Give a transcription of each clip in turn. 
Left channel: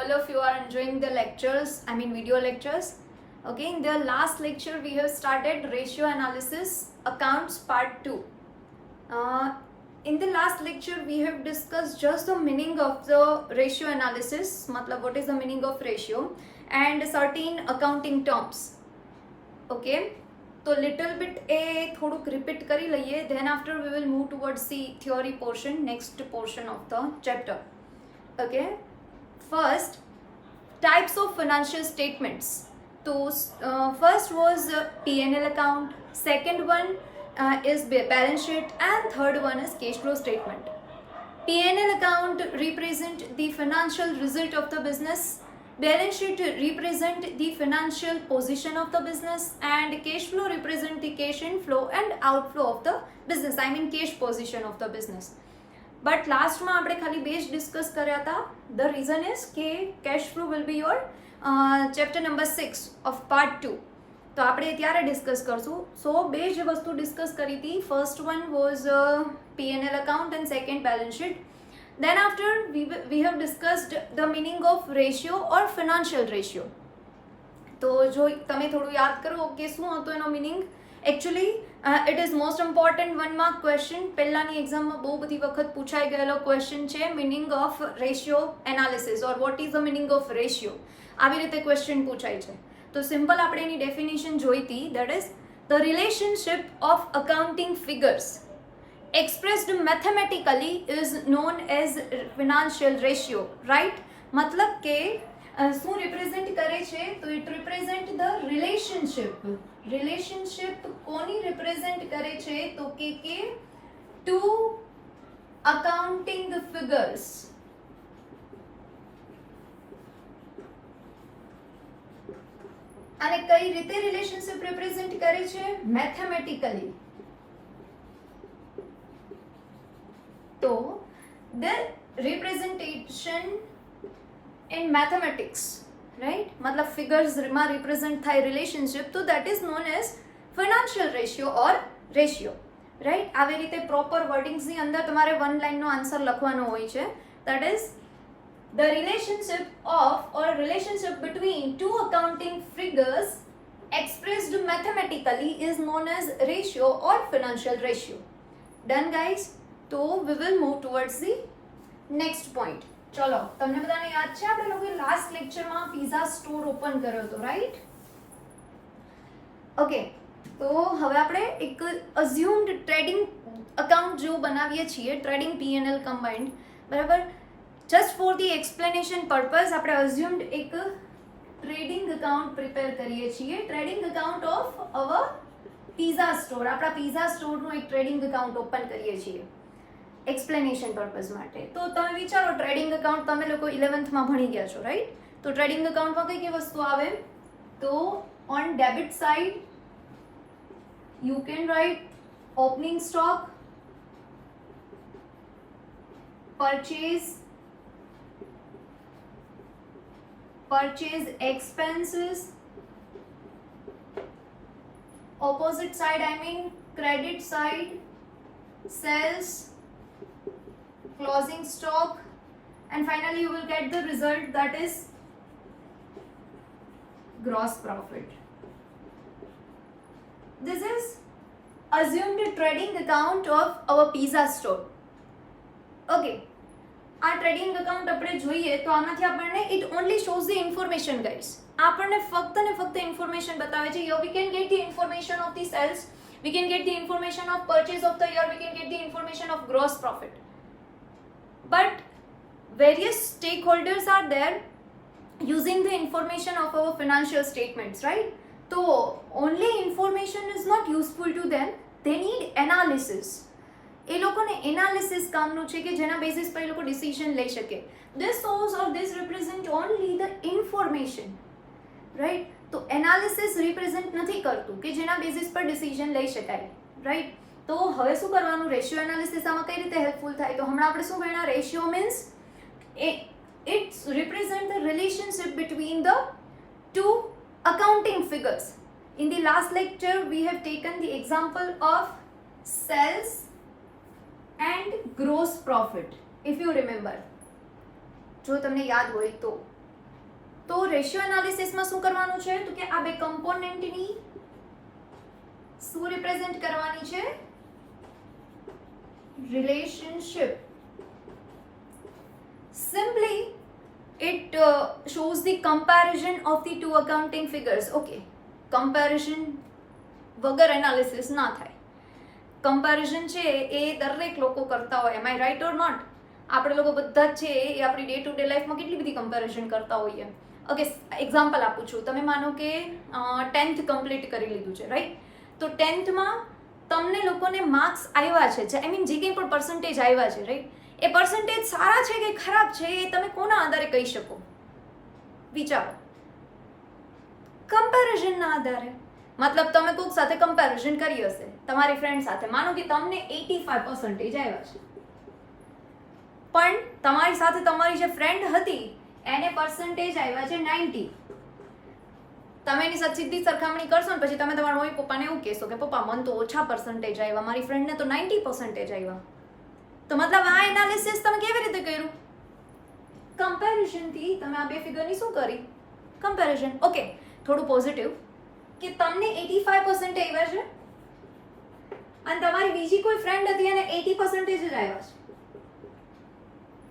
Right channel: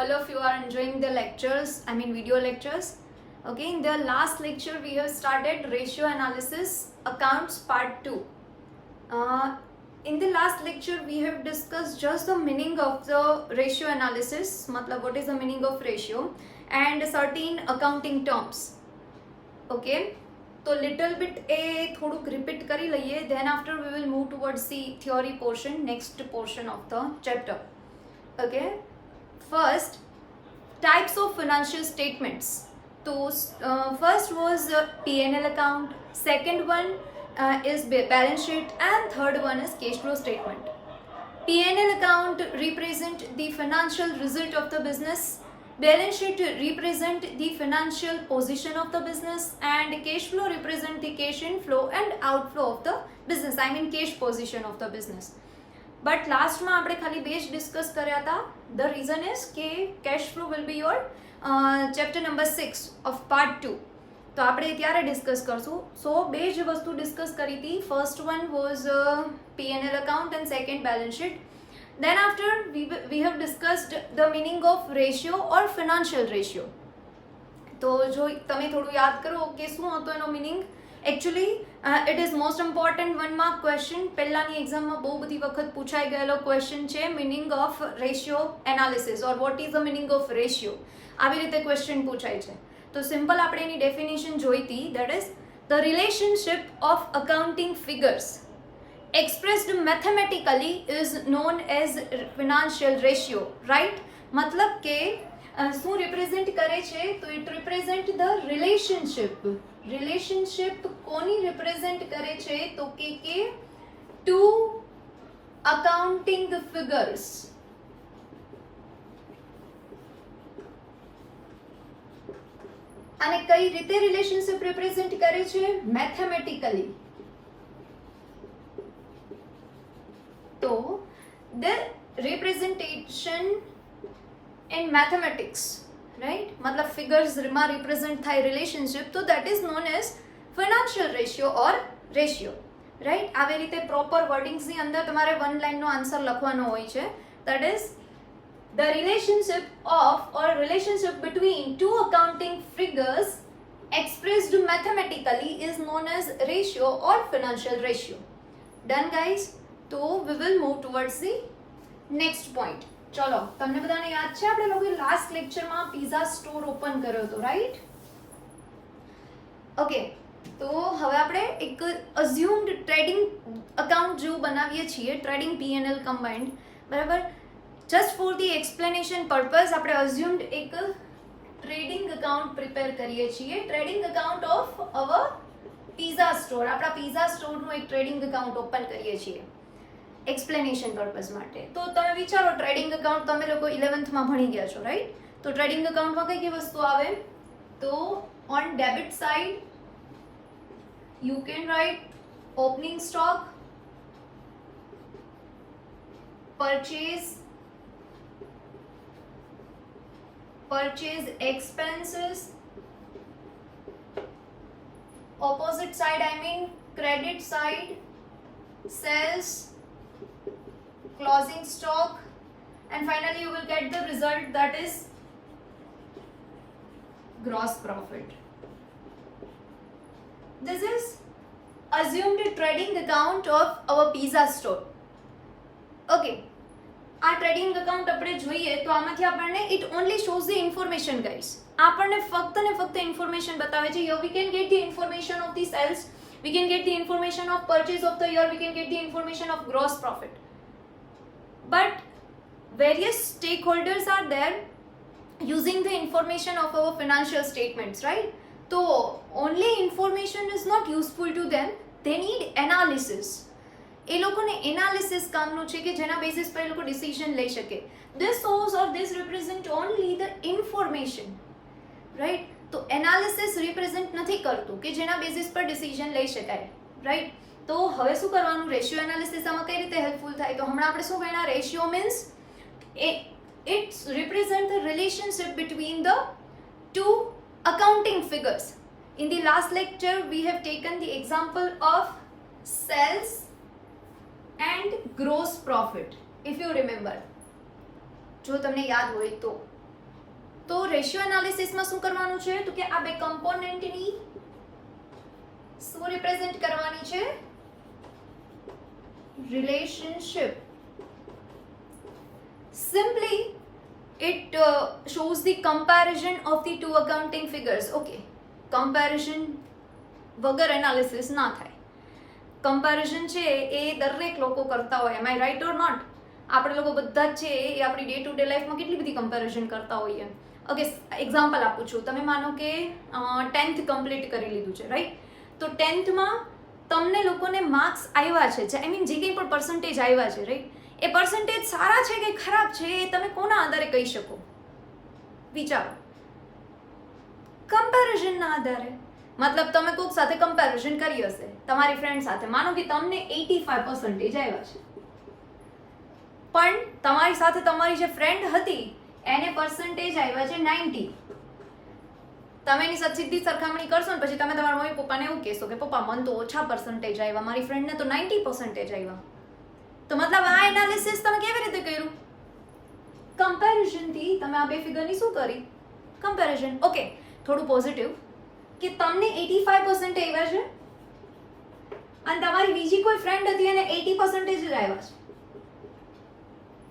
all of you are enjoying the lectures, I mean video lectures. Okay, in the last lecture we have started ratio analysis accounts part 2. In the last lecture we have discussed just the meaning of the ratio analysis, matlab what is the meaning of ratio and certain accounting terms. Okay, so little bit થોડુંક repeat કરી લઈએ, then after we will move towards the theory portion, next portion of the chapter. Okay, first types of financial statements. So first was P&L account, second one is balance sheet, and third one is cash flow statement. P&L account represent the financial result of the business, balance sheet represent the financial position of the business, and cash flow represent the cash inflow and outflow of the business, I mean cash position of the business. But last માં આપણે ખાલી બે જ ડિસ્કસ કર્યા હતા. The reason is કે cash flow will be your chapter number 6 of part 2. તો આપણે ત્યારે ડિસ્કસ કરશું. સો બે જ વસ્તુ ડિસ્કસ કરી હતી. First one was P&L account and second balance sheet. Then after we have discussed the meaning of ratio or financial ratio. તો જો તમે થોડું યાદ કરો કે શું હતો એનો meaning. Actually it is most important 1 mark question. પહેલાની એક્ઝામમાં બહુ બધી વખત પૂછાઈ ગયેલો ક્વેશ્ચન છે meaning of ratio analysis or what is the meaning of ratio. આવી રીતે ક્વેશ્ચન પૂછાય છે. તો સિમ્પલ આપણે એની ડેફિનેશન જોઈતી, that is the relationship of accounting figures expressed mathematically is known as financial ratio, right? मतलब કે શું રિપ્રેઝેન્ટ કરે છે? તો ઇટ રિપ્રેઝેન્ટ ધ રિલેશનશિપ કોની રિપ્રેઝેન્ટ કરે છે? તો કે ટુ અકાઉન્ટિંગ ફિગર્સ. અને કઈ રીતે રિલેશનશિપ રિપ્રેઝેન્ટ કરે છે? મેથેમેટિકલી. તો the representation in mathematics, right? मतलब figures માં represent થાય relationship, તો that is known as financial ratio or ratio, right? આવી રીતે proper wordings ની અંદર તમારે one line નો આન્સર લખવાનો હોય છે. That is the relationship of or relationship between two accounting figures expressed mathematically is known as ratio or financial ratio. Done guys? તો we will move towards the next point. ચલો, તમને બધાને યાદ છે આપણે લોકોએ લાસ્ટ લેક્ચરમાં પિઝા સ્ટોર ઓપન કર્યો હતો, રાઈટ? ઓકે, તો હવે આપણે એક અઝ્યુમ્ડ ટ્રેડિંગ અકાઉન્ટ જેવું બનાવીએ છીએ, ટ્રેડિંગ P&L કમ્બાઇન્ડ, બરાબર? Just for the explanation purpose આપણે અઝ્યુમ્ડ એક ટ્રેડિંગ અકાઉન્ટ પ્રિપેર કરીએ છીએ, trading account of our pizza store. આપણા પિઝા સ્ટોરનું એક ટ્રેડિંગ અકાઉન્ટ ઓપન કરીએ છીએ એક્સપ્લેનેશન પર્પઝ માટે. તો તમે વિચારો ટ્રેડિંગ અકાઉન્ટ તમે લોકો 11th માં ભણી ગયા છો, રાઈટ? તો ટ્રેડિંગ અકાઉન્ટમાં કઈ કઈ વસ્તુ આવે? તો on debit side you can write opening stock, purchase expenses. Opposite side, I mean credit side, sales, closing stock, and finally you will get the result, that is gross profit. This is assumed trading account of our pizza store. Okay, આ trading account આપણે જોઈએ તો આમાંથી આપણને it only shows the information guys. આપણને ફક્ત ને ફક્ત ઇન્ફોર્મેશન બતાવે છે. Year we can get the information of the sales, we can get the information of purchase of the year, we can get the information of gross profit. But various stakeholders are there using the information of our financial statements, right? So only information is not useful to them. They need analysis. એ લોકોને એનાલિસિસ કામનું છે કે જેના બેસિસ પર એ લોકો ડિસિઝન લઈ શકે. This shows or this represent only the information, right? તો એનાલિસિસ રિપ્રેઝેન્ટ નથી કરતું કે જેના બેસિસ પર ડિસિઝન લઈ શકાય, રાઈટ? તો હવે શું કરવાનું? રેશિયો એનાલિસિસ આમાં કઈ રીતે હેલ્પફુલ થાય? તો હમણાં આપણે શું ભણ્યા? Ratio means it's represent the relationship between the two accounting figures. In the last lecture we have taken the example of sales and gross profit, if you remember. જો તમને યાદ હોય તો તો રેશિયો એનાલિસિસમાં શું કરવાનું છે તો કે આ બે કમ્પોનેન્ટની શું રિપ્રેઝેન્ટ કરવાની છે relationship. Simply it shows the comparison of the two accounting figures. Okay, comparison વગર એનાલિસિસ ના થાય. કમ્પેરિઝન છે એ દરેક લોકો કરતા હોય. એમ આઈ રાઈટ ઓર નોટ? આપણે લોકો બધા જ છે એ આપણી ડે ટુ ડે લાઈફમાં કેટલી બધી કમ્પેરિઝન કરતા હોઈએ. ઓકે, એક્ઝામ્પલ આપું છું. તમે માનો કે 10th કમ્પ્લીટ કરી લીધું છે, રાઈટ? તો 10thમાં તમને લોકોને માર્ક્સ આવ્યા છે, આઈ મીન જે કંઈ પણ પર્સન્ટેજ આવ્યા છે, રાઈટ? એ પર્સન્ટેજ સારા છે કે ખરાબ છે એ તમે કોના આધારે કહી શકો? વિચારો. કમ્પેરિઝનના આધારે. મતલબ તમે કોઈક સાથે કમ્પેરિઝન કરી હશે, તમારી ફ્રેન્ડ સાથે. માનો કે તમને 85% આવ્યા છે, પણ તમારી સાથે તમારી જે ફ્રેન્ડ હતી એને પર્સન્ટેજ આવ્યા છે 90. તમે એની સાથે સીધી સરખામણી કરશો ને પછી તમે તમારા મમ્મી પપ્પાને એવું કહેશો કે પપ્પા મને તો ઓછા પર્સન્ટેજ આવ્યા, મારી ફ્રેન્ડને તો 90% આવ્યા. તો મતલબ આ એનાલિસિસ તમે કેવી રીતે કર્યું? કમ્પેરિઝનથી તમે આ બે ફિગરની શું કરી? કમ્પેરિઝન. ઓકે, થોડું પોઝિટિવ કે તમને 85% આવ્યા છે અને તમારી બીજી કોઈ ફ્રેન્ડ હતી અને 80% જ આવ્યા છે.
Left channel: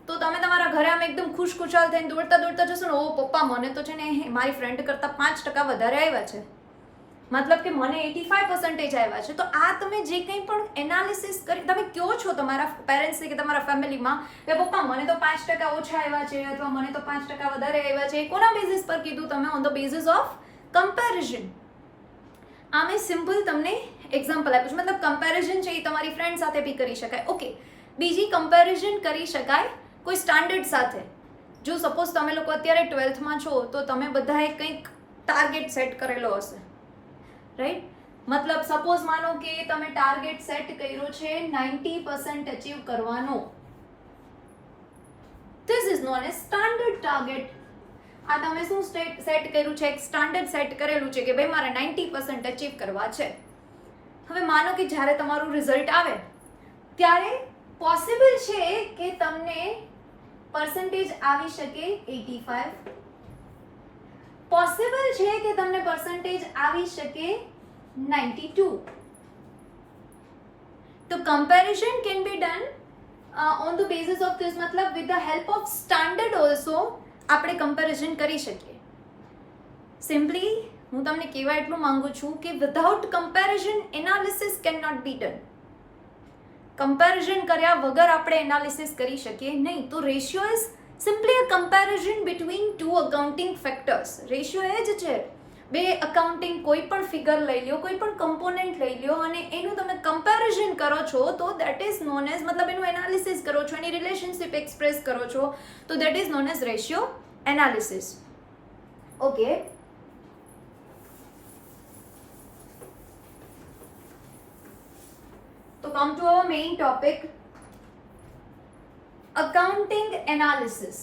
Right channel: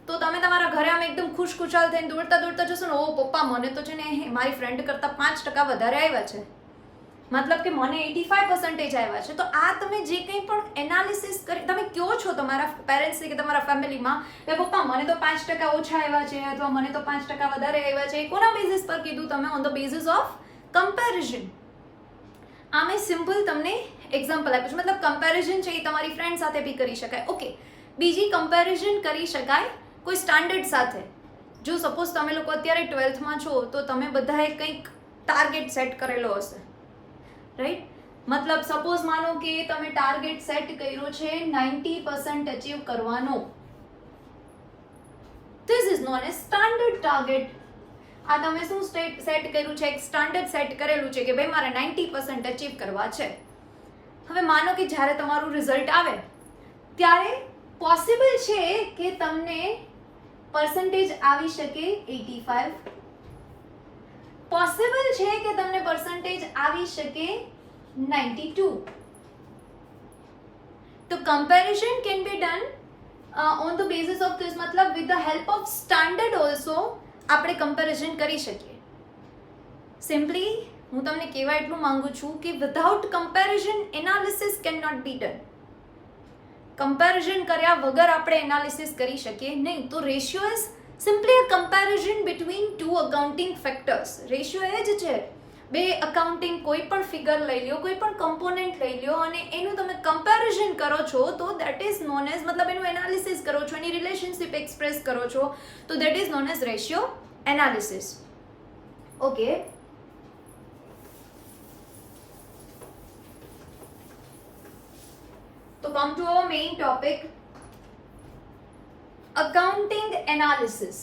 તો તમે તમારા ઘરે આમ એકદમ ખુશખુશાલ થઈને દોડતા દોડતા જશો ને, ઓ પપ્પા મને તો છે ને મારી ફ્રેન્ડ કરતાં 5% વધારે આવ્યા છે, મતલબ કે મને 85% આવ્યા છે. તો આ તમે જે કંઈ પણ એનાલિસિસ કરી તમે કહો છો તમારા પેરેન્ટ્સને કે તમારા ફેમિલીમાં કે પપ્પા મને તો 5% ઓછા આવ્યા છે અથવા મને તો 5% વધારે આવ્યા છે, કોના બેઝિસ પર કીધું તમે? On the basis of comparison. આ મેં સિમ્પલ તમને એક્ઝામ્પલ આપ્યું છે. મતલબ કમ્પેરિઝન છે એ તમારી ફ્રેન્ડ સાથે બી કરી શકાય. ઓકે, બીજી કમ્પેરિઝન કરી શકાય કોઈ સ્ટાન્ડર્ડ સાથે. જો સપોઝ તમે લોકો અત્યારે 12thમાં છો તો તમે બધાએ કંઈક ટાર્ગેટ સેટ કરેલો હશે, રાઈટ? મતલબ સપોઝ માનો કે તમે ટાર્ગેટ સેટ કર્યો છે 90% અચીવ કરવાનો. This is known as standard target. આ તમે શું સેટ કર્યું છે? એક સ્ટાન્ડર્ડ સેટ કરેલું છે કે ભાઈ મારે 90% અચીવ કરવા છે. હવે માનો કે જ્યારે તમારું રિઝલ્ટ આવે ત્યારે પોસિબલ છે કે તમને પર્સન્ટેજ આવી શકે 85, પોસિબલ છે કે તમને પર્સન્ટેજ આવી શકે 92. તો comparison can be done on the basis of this. મતલબ with the help of standard also આપણે કમ્પેરિઝન કરી શકીએ. સિમ્પલી હું તમને કહેવા એટલું માંગુ છું કે without comparison analysis can not be done. Comparison કર્યા વગર આપણે એનાલિસિસ કરી શકીએ નહીં. તો ratio is simply a comparison between two accounting factors. Ratio એ જ છે, બે અકાઉન્ટિંગ કોઈ પણ ફિગર લઈ લ્યો, કોઈ પણ કમ્પોનેન્ટ લઈ લ્યો અને એનું તમે કમ્પેરિઝન કરો છો તો દેટ ઇઝ નોન એઝ, મતલબ એનું એનાલિસિસ કરો છો, એની રિલેશનશિપ એક્સપ્રેસ કરો છો તો that is known as ratio analysis. Okay, તો come to our main topic, accounting analysis.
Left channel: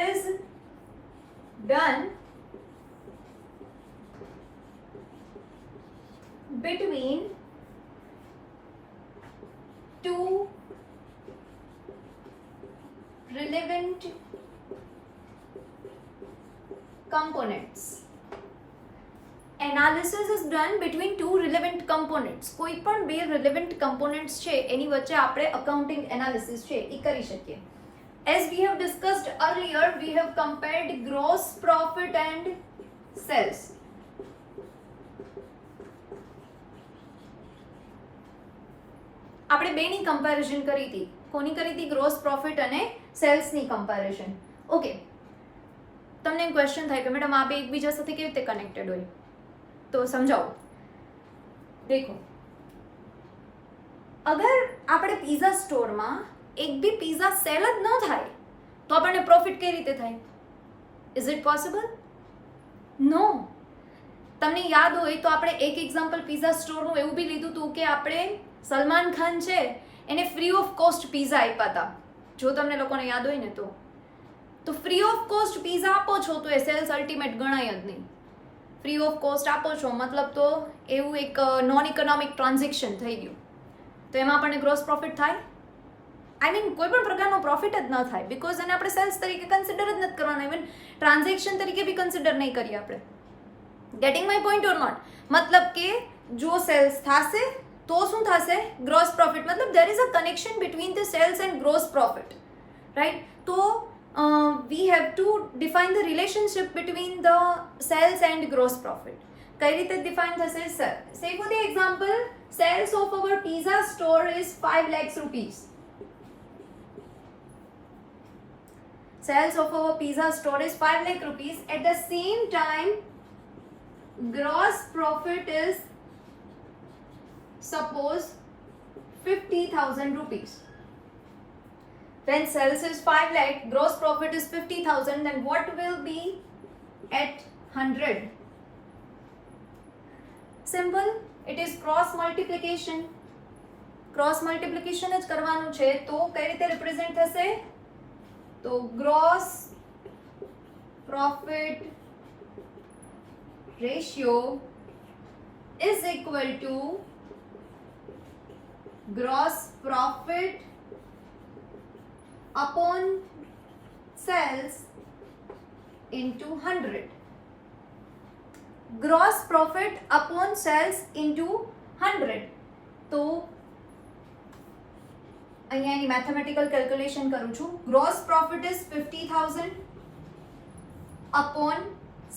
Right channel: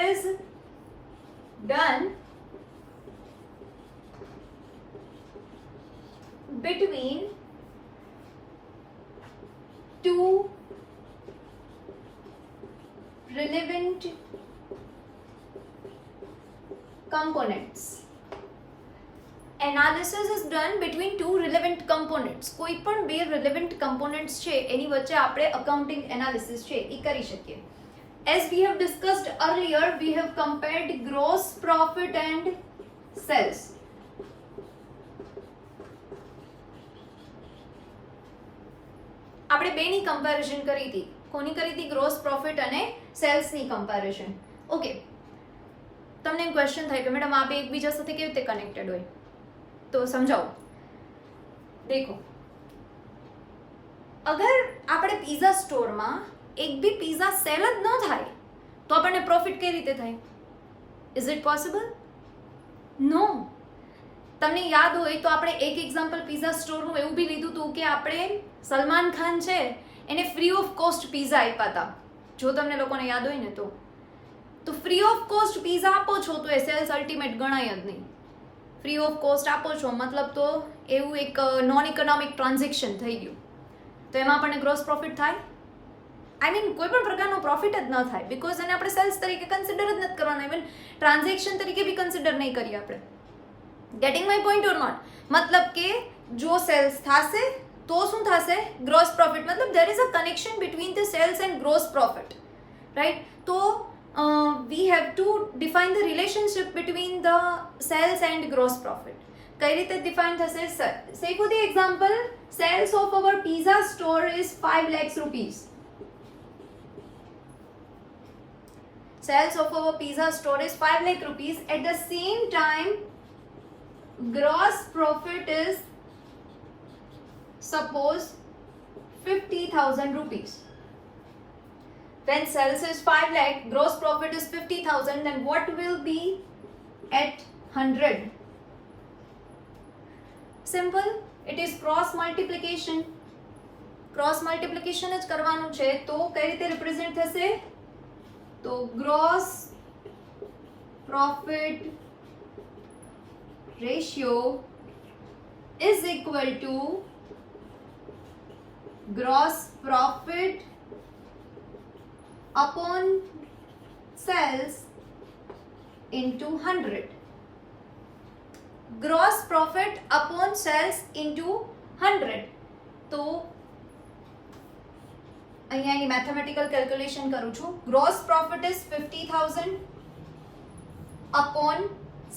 Is done between two relevant components. Analysis is done between two relevant components. કોઈ પણ બે relevant components છે એની વચ્ચે આપણે accounting analysis છે એ કરી શકીએ. As we have discussed earlier, we have compared gross profit and sales. આપણે બેની કમ્પેરિઝન કરી હતી. કોની કરી હતી? ગ્રોસ પ્રોફિટ અને સેલ્સની કમ્પેરિઝન. ઓકે, તમને એમ ક્વેશ્ચન થાય કે મેડમ આ બે એકબીજા સાથે કેવી રીતે કનેક્ટેડ હોય? તો સમજાવો. દેખો, અગર આપણે પિઝા સ્ટોરમાં એક બી પિઝા સેલ જ ન થાય તો આપણને પ્રોફિટ કઈ રીતે થાય? Is it possible? નો. તમને યાદ હોય તો આપણે એક એક્ઝામ્પલ પિઝા સ્ટોરનું એવું બી લીધું હતું કે આપણે સલમાન ખાન છે એને ફ્રી ઓફ કોસ્ટ પિઝા આપ્યા હતા. જો તમને લોકોને યાદ હોય ને તો ફ્રી ઓફ કોસ્ટ પિઝા આપો છો તો એ સેલ્સ અલ્ટિમેટ ગણાય જ નહીં. ફ્રી ઓફ કોસ્ટ આપો છો મતલબ તો એવું એક નોન ઇકોનોમિક ટ્રાન્ઝેક્શન થઈ ગયું, તો એમાં આપણને ગ્રોસ પ્રોફિટ થાય? આઈ મીન કોઈ પણ પ્રકારનો પ્રોફિટ જ ન થાય, બિકોઝ એને આપણે સેલ્સ તરીકે કન્સિડર જ નથી કરવાના, ઇવન ટ્રાન્ઝેક્શન તરીકે બી કન્સિડર નહીં કરીએ આપણે. Getting my point or not? મતલબ કે જો સેલ્સ થશે તો શું થશે? Gross profit. મતલબ there is a connection between the sales and gross profit, right? તો we have to define the relationship between the sales and gross profit. કઈ રીતે ડિફાઇન થશે? Sir, say for the example, sales of our pizza store is 5 lakhs rupees. Sales of our pizza store is 5 lakh rupees. At the same time, gross profit is suppose 50,000 rupees. When sales is 5 lakh, gross profit is 50,000, then what will be at 100? Simple, it is cross multiplication. Cross multiplication જ કરવાનું છે, તો કઈ રીતે રિપ્રેઝેન્ટ થશે? તો gross profit ratio is equal to gross profit upon sales into 100. Gross profit upon sales into 100. તો અહીંયા એની મેથેમેટિકલ કેલ્ક્યુલેશન કરું છું. Gross profit is 50,000 upon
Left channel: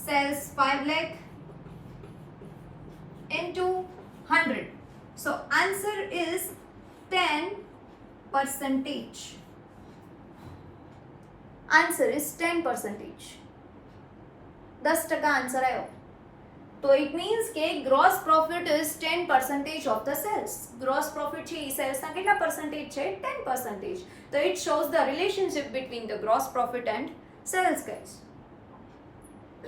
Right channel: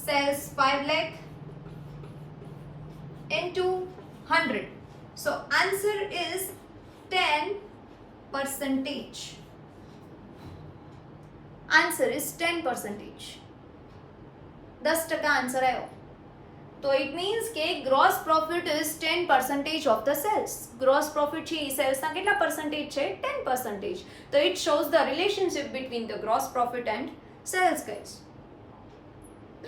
sales 5 lakh into 100. So answer is 10%. Answer is 10%. 10% answer આવ્યો. તો it means કે gross profit is 10% of the sales. Gross profit છે એ સેલ્સના કેટલા પર્સન્ટેજ છે? 10%. તો it shows the relationship between the gross profit and sales guys,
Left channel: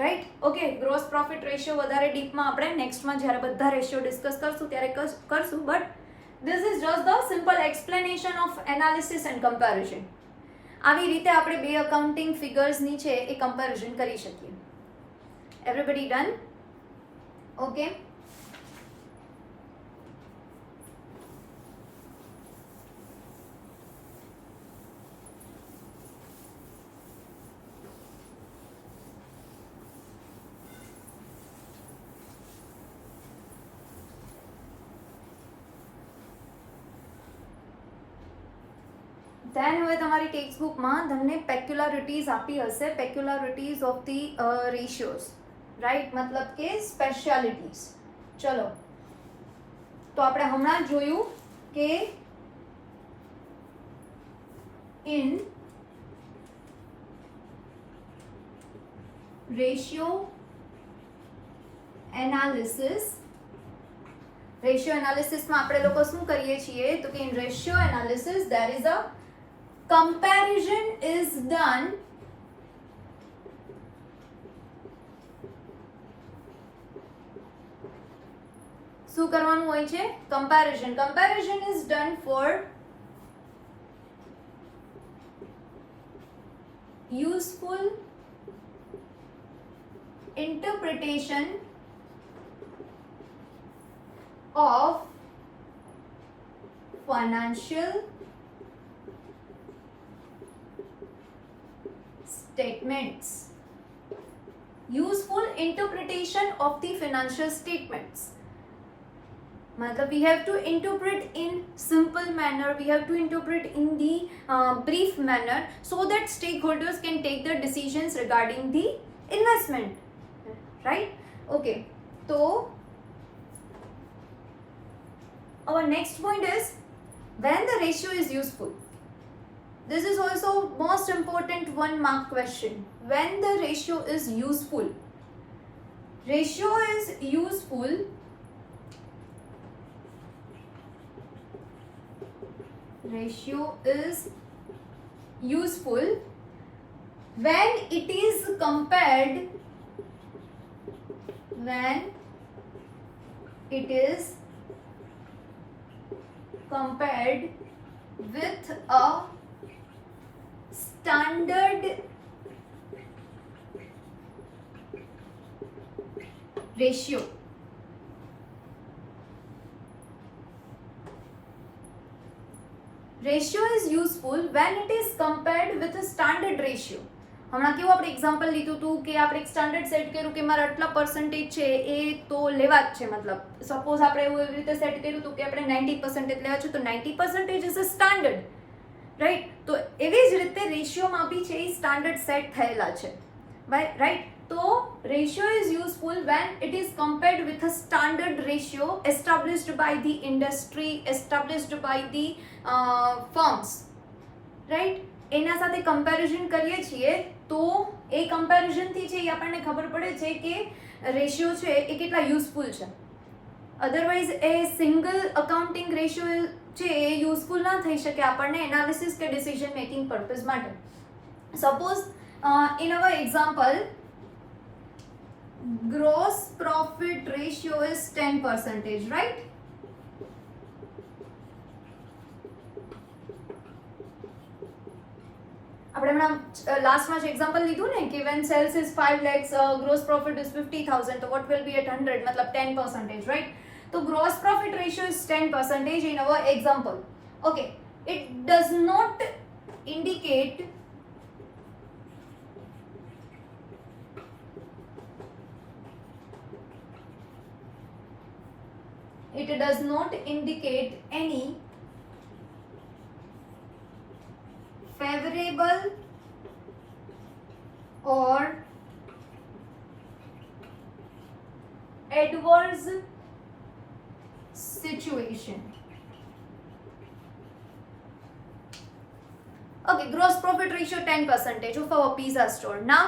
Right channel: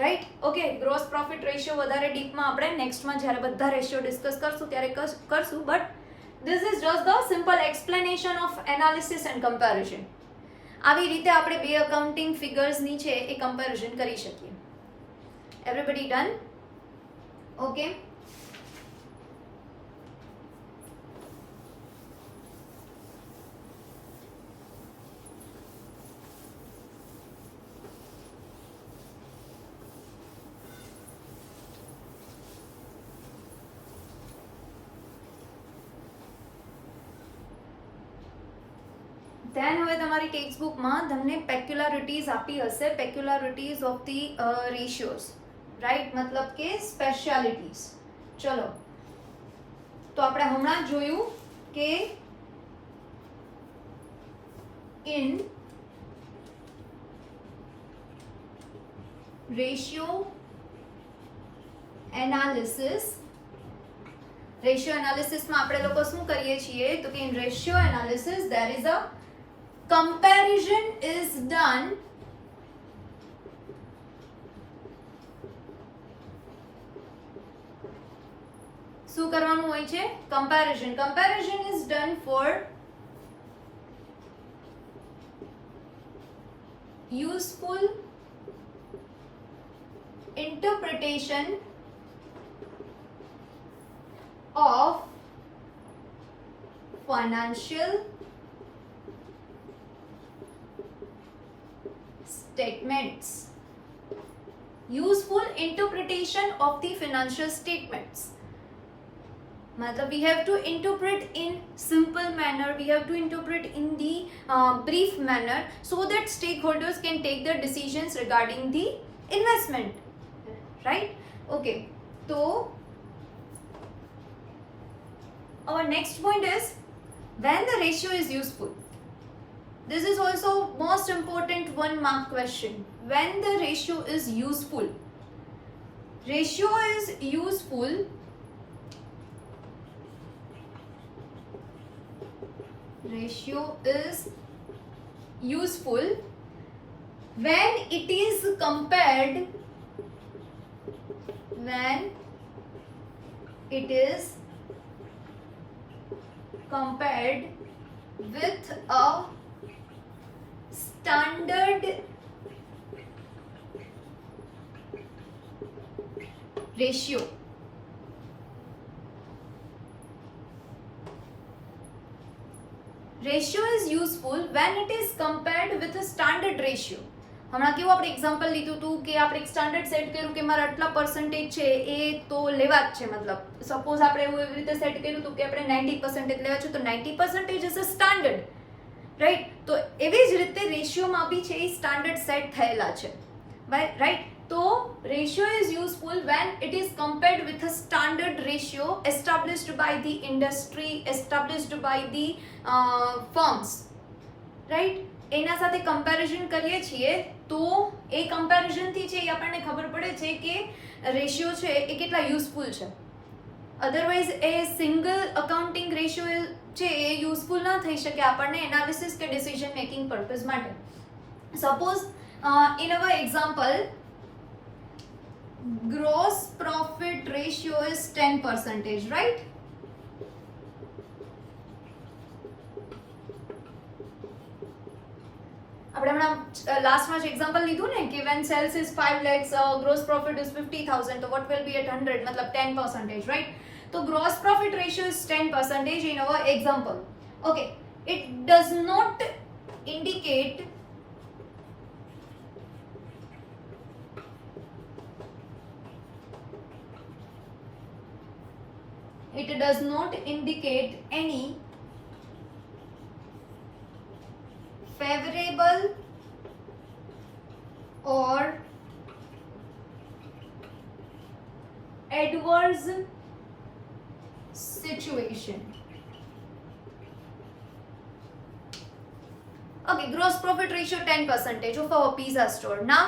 right? Okay, gross profit ratio વધારે ડીપમાં આપણે નેક્સ્ટમાં જ્યારે બધા રેશિયો ડિસ્કસ કરશું ત્યારે કરશું, but this is just the simple explanation of analysis and comparison. આવી રીતે આપણે બે અકાઉન્ટિંગ ફિગર્સની છે એ કમ્પેરિઝન કરી શકીએ. Everybody done? ઓકે, ધેન હવે તમારી ટેક્સ્ટ બુકમાં તમને પેક્યુલારિટીઝ આપી હશે, પેક્યુલારિટીઝ ઓફ ધી રેશિયોઝ, રાઈટ? મતલબ કે સ્પેશિયાલિટીઝ. ચલો, તો આપણે હમણાં જોયું કે ઇન રેશિયો એનાલિસિસમાં આપણે લોકો શું કરીએ છીએ? તો કે in ratio analysis there is a comparison is done શું કરવાનું હોય છે? comparison is done for useful interpretation of financial statements. Useful interpretation of the financial statements. मतलब we have to interpret in simple manner, we have to interpret in the brief manner so that stakeholders can take their decisions regarding the investment, right? Okay, so our next point is when the ratio is useful. This is also most important 1 mark question. When the ratio is useful. Ratio is useful when it is compared with a standard ratio. Ratio is useful when it is compared with a standard ratio. હમણાં કેવું આપણે એક્ઝામ્પલ લીધું હતું કે આપણે એક standard set કર્યું કે મારા આટલા પર્સન્ટેજ છે એ તો લેવા જ છે, મતલબ સપોઝ આપણે એવું એવી રીતે સેટ કર્યું હતું કે આપણે 90% લેવા છે, તો 90% ઇઝ અ સ્ટાન્ડર્ડ, રાઈટ? તો એવી જ રીતે રેશિયોમાં બી છે એ સ્ટાન્ડર્ડ સેટ થયેલા છે, રાઈટ? તો ratio is useful when it is compared with a standard ratio established by the industry, established by the firms, right? એના સાથે કમ્પેરિઝન કરીએ છીએ તો એ કમ્પેરિઝનથી છે એ આપણને ખબર પડે છે કે રેશિયો છે એ કેટલા યુઝફુલ છે. અધરવાઇઝ એ સિંગલ અકાઉન્ટિંગ રેશિયો છે એ યુઝફુલ ના થઈ શકે આપણને એનાલિસિસ કે ડિસિઝન મેકિંગ પર્પઝ માટે. Suppose in our example gross profit ratio is 10%, right? આપણે હમણાં લાસ્ટમાં જ એક્ઝામ્પલ લીધું ને કે when sales is 5 lakhs, gross profit is 50,000, તો what will be at 100, મતલબ 10%, right? તો gross profit ratio is 10% in our example. Okay, it does not indicate any favorable or adverse situation. Okay, gross profit ratio 10% of our pizza store. Now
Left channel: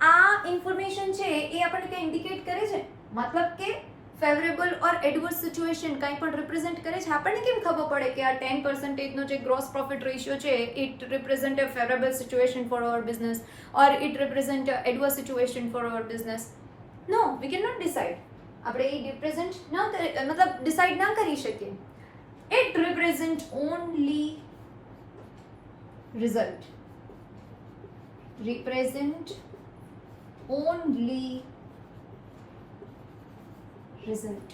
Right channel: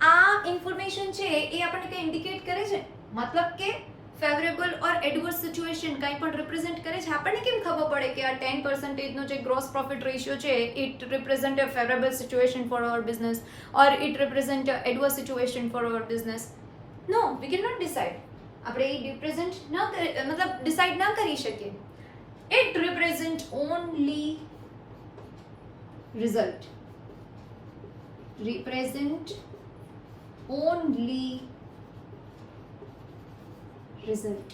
આ ઇન્ફોર્મેશન છે એ આપણને કંઈ ઇન્ડિકેટ કરે છે, મતલબ કે ફેવરેબલ ઓર એડવર્સ સિચ્યુએશન કંઈ પણ રિપ્રેઝેન્ટ કરે છે. આપણને કેમ ખબર પડે કે આ 10%નો જે ગ્રોસ પ્રોફિટ રેશિયો છે it represent a favourable situation for our business or it represent a adverse situation for our business? No, we can not decide. આપણે એ રિપ્રેઝેન્ટ ના મતલબ ડિસાઇડ ના કરી શકીએ. It represent only result. Represent only result.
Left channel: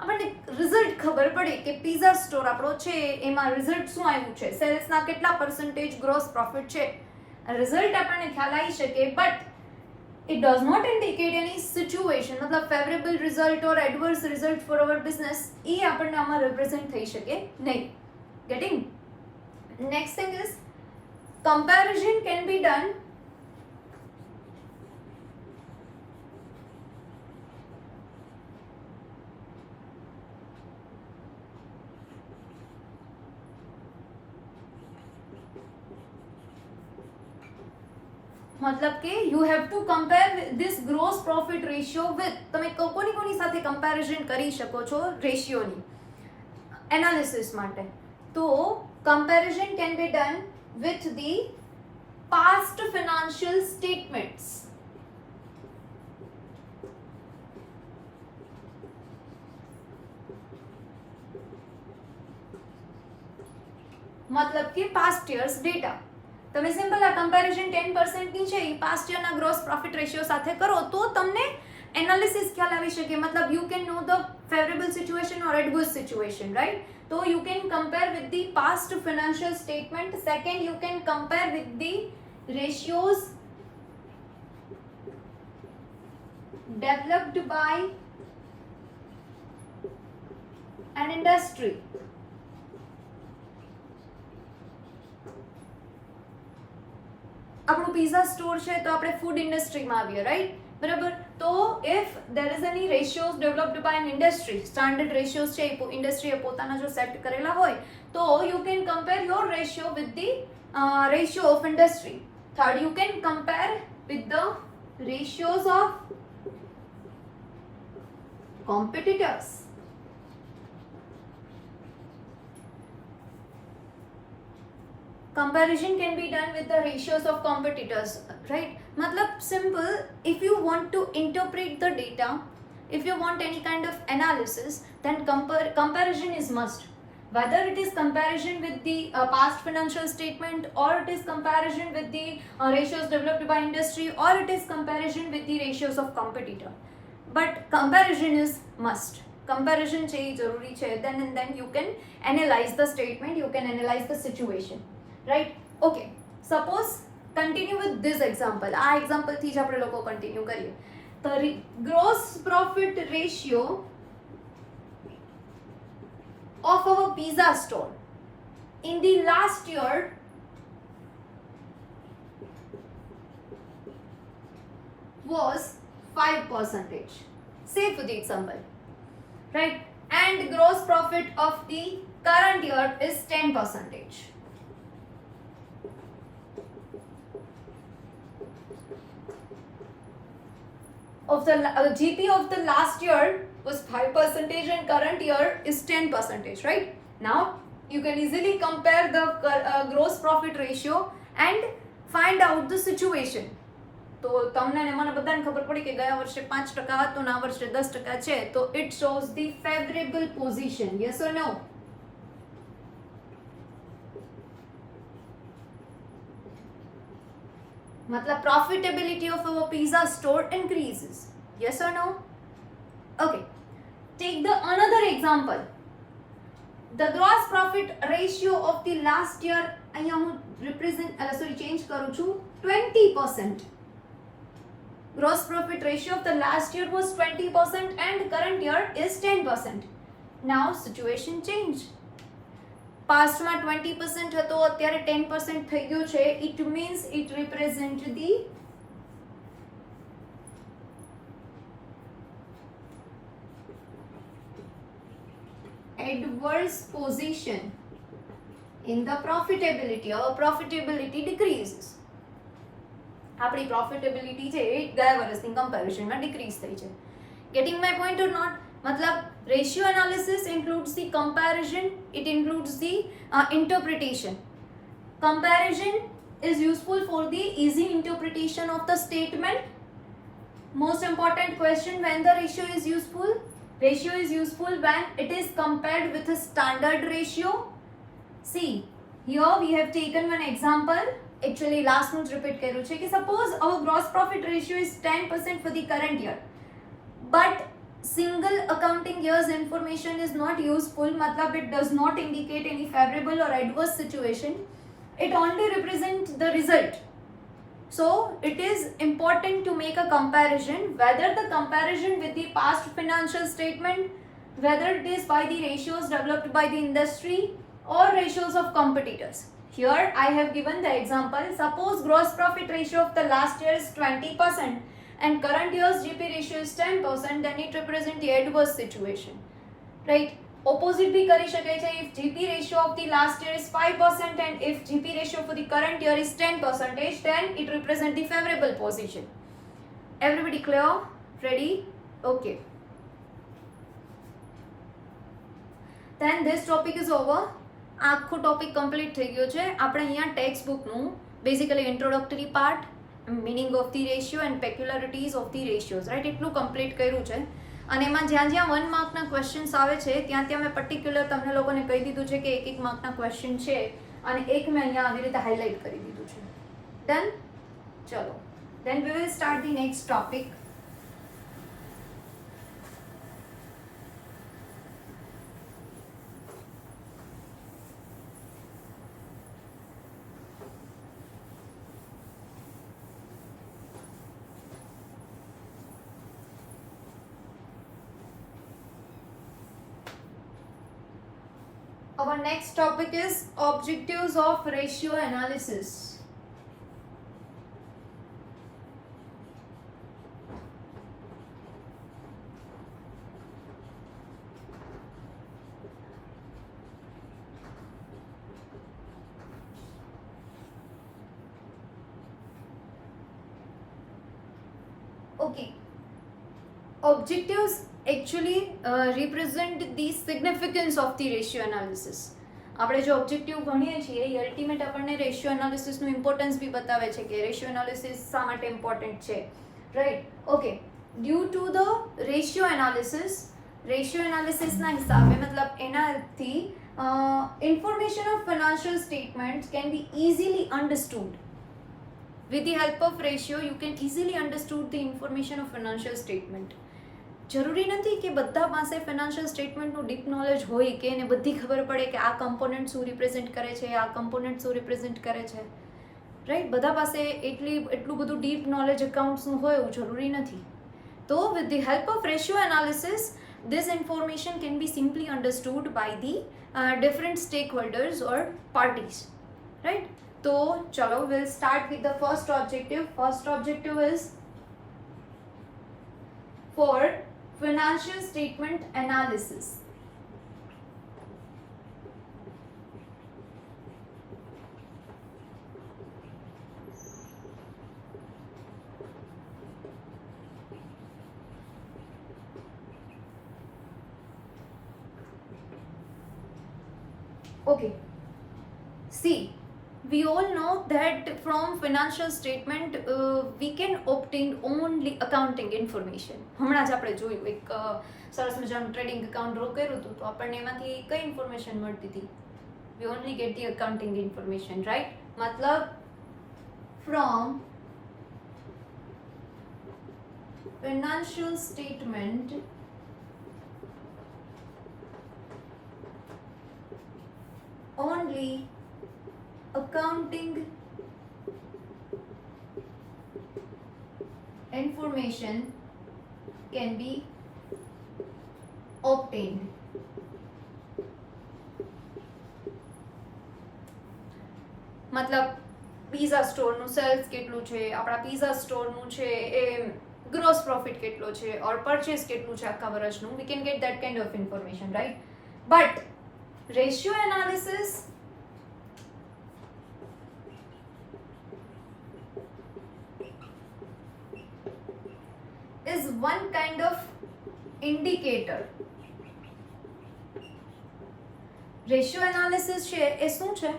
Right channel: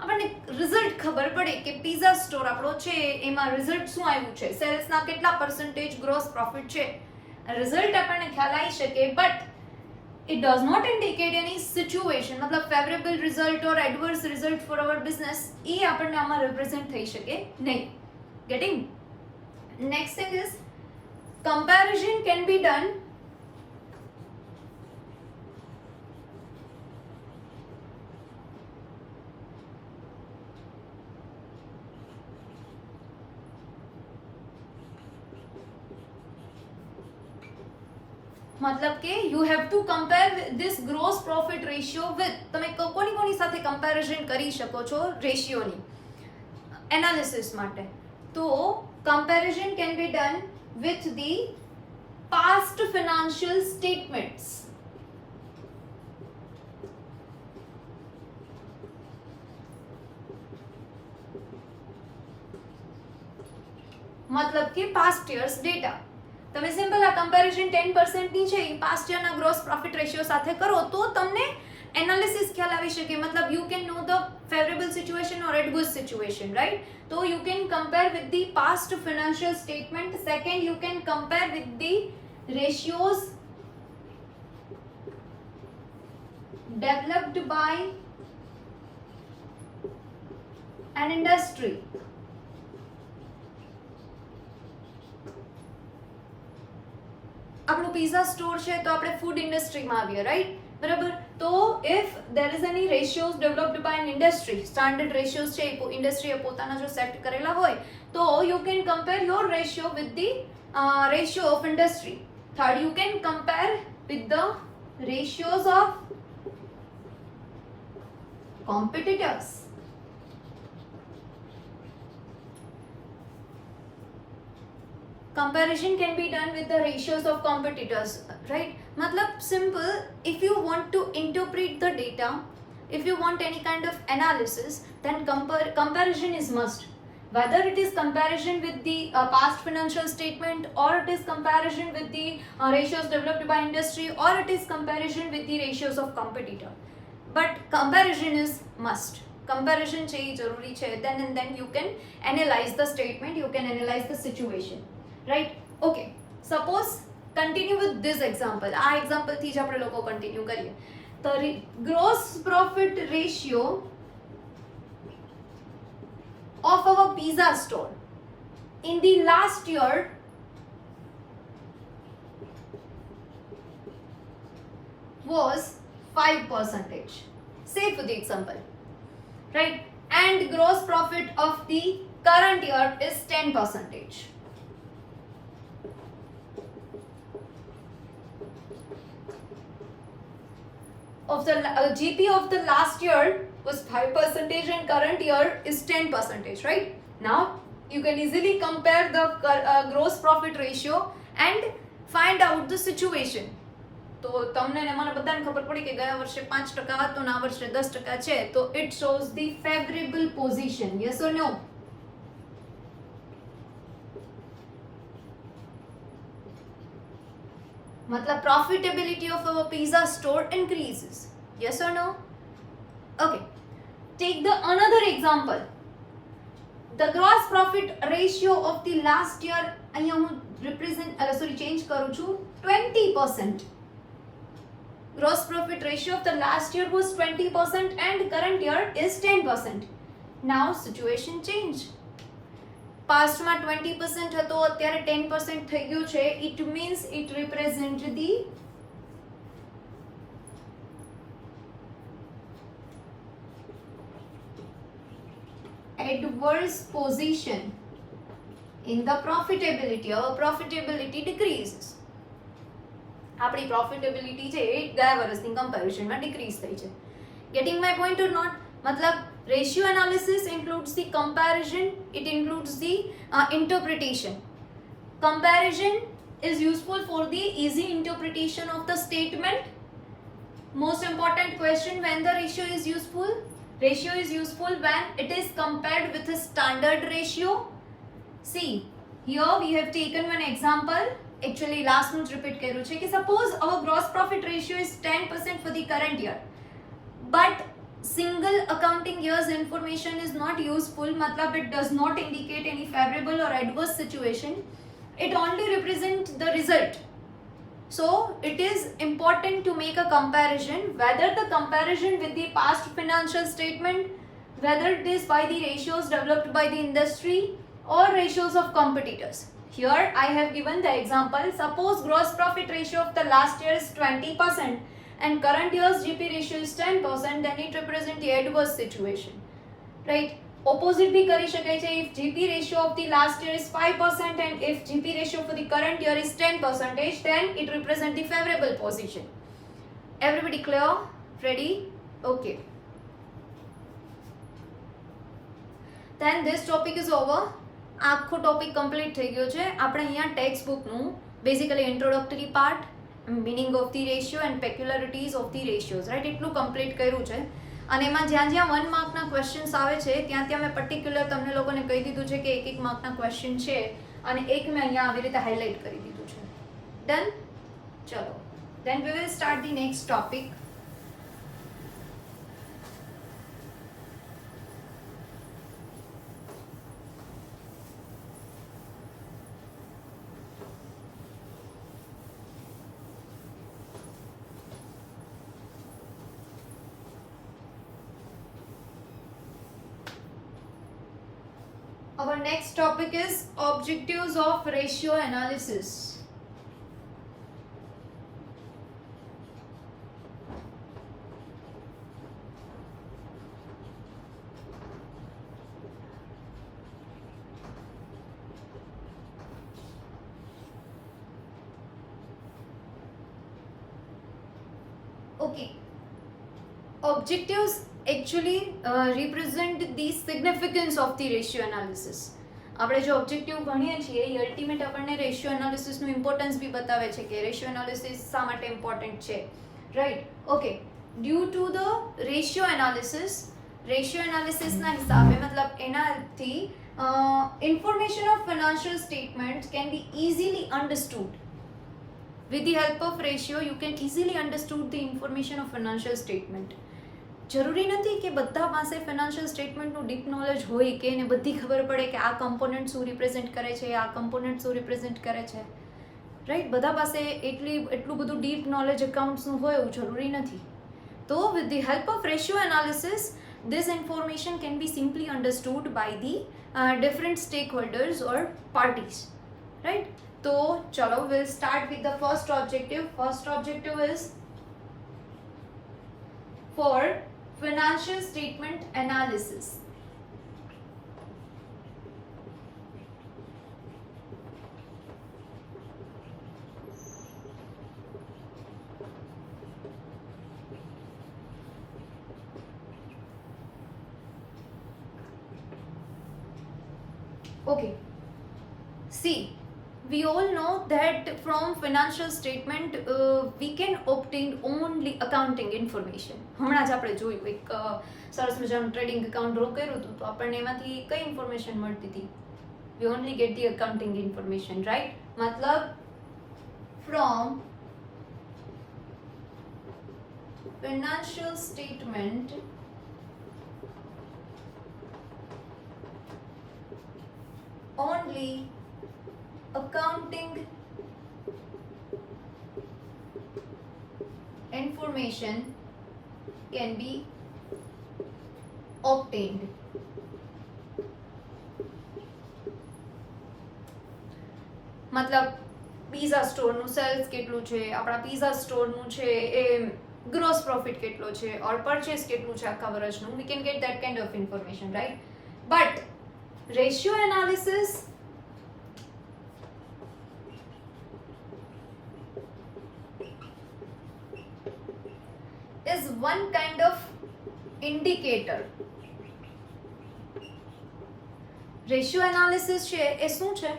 આપણને result ખબર પડે કે પિઝા સ્ટોર આપણો છે એમાં રિઝલ્ટ શું આવ્યું છે, સેલ્સના કેટલા પર્સન્ટેજ ગ્રોસ પ્રોફિટ છે, રિઝલ્ટ આપણને ખ્યાલ આવી શકે, but it does not indicate any situation, મતલબ favourable result or adverse result for our business એ આપણને આમાં રિપ્રેઝેન્ટ થઈ શકે નહીં. Getting? Next thing is comparison can be done મતલબ કે you have to compare this gross profit ratio with, તમે કોની સાથે કમ્પેરિઝન કરી શકો છો રેશિયોની એનાલિસિસ માટે? તો comparison can be done with the past financial statements. મતલબ કે પાસ્ટ યર્સ ડેટા. તમે સિમ્પલ આ કમ્પેરિઝન 10%ની છે એ પાસ્ટ યરના ગ્રોસ પ્રોફિટ રેશિયો સાથે કરો તો તમને એનાલિસિસ ખ્યાલ આવી શકે, મતલબ you can know the favourable situation or adverse situation, right? તો you can compare with the past financial statement. Second, you can compare with the ratios developed by an industry. આપણું પિઝા સ્ટોર છે તો આપણે food ઇન્ડસ્ટ્રીમાં આવીએ, right? બરાબર. તો if there is any ratios developed by an industry, standard ratios છે ઇન્ડસ્ટ્રીએ પોતાના જો સેટ કરેલા હોય તો you can compare your ratio with the ratio of industry. Third, you can compare with the ratios of competitors. Comparison can be done with the ratios of competitors, right? Matlab simple, if you want to interpret the data, if you want any kind of analysis, then comparison is must. Whether it is comparison with the past financial statement, or it is comparison with the ratios developed by industry, or it is comparison with the ratios of competitor. but comparison is must. Comparison છે એ જરૂરી છે. Then and then you can analyze the statement, you can analyze the situation, right? Okay, suppose continue with this example. આ example થી જ આપણે લોકો continue કરીએ. The gross profit ratio of our pizza store in the last year was 5%. Say for the example, right? And gross profit of the current year is 10%. Of the GP of the last year was 5% and current year is 10%, right? Now you can easily compare the gross profit ratio and find out the situation. તો તમને ને મને બધાને ખબર પડી કે ગયા વર્ષે 5% હતો ને આ વર્ષે 10% છે, તો it shows the favorable position. Yes or no? मतलब profitability of our pizza store increases. Yes or no? Okay, take the another example. The gross profit ratio of the last year, અહીંયા હું change કરું છું, 20%. Gross profit ratio of the last year was 20% and current year is 10%. Now situation change. Past માં 20% હતો, અત્યારે 10% થઈ ગયું છે. It means it represent the adverse position in the profitability. Our profitability decreases. આપણી profitability છે એ ગયા વર્ષની કમ્પેરિઝનમાં ડિક્રીઝ થઈ છે. Getting my point or not? मतलब ratio analysis includes the comparison, it includes the interpretation. Comparison is useful for the easy interpretation of the statement. Most important question, when the ratio is useful? Ratio is useful when it is compared with a standard ratio. See, here we have taken one example. Actually last નું જ repeat કર્યું છે કે suppose our gross profit ratio is 10% for the current year, but single accounting year's information is not useful. मतलब it does not indicate any favorable or adverse situation, it only represents the result. So it is important to make a comparison, whether the comparison with the past financial statement, whether it is by the ratios developed by the industry or ratios of competitors. Here I have given the example. Suppose gross profit ratio of the last year is 20% and current year's GP ratio is 10%, then it represents the adverse situation, right? Opposite bhi kari shakai chhe. If GP ratio of the last year is 5% and if GP ratio for the current year is 10%, then it represents the favorable position. Everybody clear? Ready? Okay. Then this topic is over. આખો topic complete થઈ ગયો છે. આપણે અહીંયા text બુકનું basically introductory part, meaning of the ratio and peculiarities of the ratios, right, એટલું complete કર્યું છે. અને એમાં જ્યાં જ્યાં 1 માર્કના ક્વેશ્ચન્સ આવે છે ત્યાં ત્યાં મેં પર્ટિક્યુલર તમને લોકોને કહી દીધું છે કે 1 માર્કના ક્વેશ્ચન છે અને એક મેં અહીંયા આવી રીતે હાઇલાઇટ કરી દીધું છે. ડન? ચલો, then we will start the next topic. Our next topic is objectives of ratio analysis. Okay, objectives actually represent the significance of the ratio analysis. આપણે જો ઓબ્જેક્ટિવ ભણીએ છીએ એ અલ્ટિમેટ આપણને રેશિયો એનાલિસિસનું ઇમ્પોર્ટન્સ બી બતાવે છે કે રેશિયો એનાલિસિસ શા માટે ઇમ્પોર્ટન્ટ છે, right? Okay, due to the ratio એનાલિસિસના હિસાબે મતલબ એનાથી information of financial statements can be easily understood. With the help of ratio, you can easily understood the information of financial statement. જરૂરી નથી કે બધા પાસે ફિનાન્શિયલ સ્ટેટમેન્ટનું ડીપ નોલેજ હોય કે એને બધી ખબર પડે કે આ કમ્પોનન્ટ શું રિપ્રેઝેન્ટ કરે છે, આ કમ્પોનન્ટ શું રિપ્રેઝેન્ટ કરે છે, રાઈટ. બધા પાસે એટલું બધું ડીપ નોલેજ એકાઉન્ટ્સનું હોય એવું જરૂરી નથી. તો with the help of ratio analysis, this information can be simply understood by the different stakeholders or parties, right? So chalo, we'll start with the first objective. First objective is for financial statement analysis. Okay, see, we all know that from financial statement we can obtain only accounting information. હમણાં જ આપણે જોયું એક સરસ મજાનું trading account draw કર્યું હતું તો આપણને એમાંથી કઈ ઇન્ફોર્મેશન મળતી હતી? We only get the accounting information, right? મતલબ from financial statement only accounting information can be obtained. મતલબ પીઝા સ્ટોરનું સેલ્સ કેટલું છે, આપણા પીઝા સ્ટોરનું છે એ ગ્રોસ પ્રોફિટ કેટલો છે ઓર પરચેસ કેટલું છે આખા વર્ષનું, we can get that kind of information, right? But ratio analysis is one kind of indicator. Ratio analysis છે એ શું છે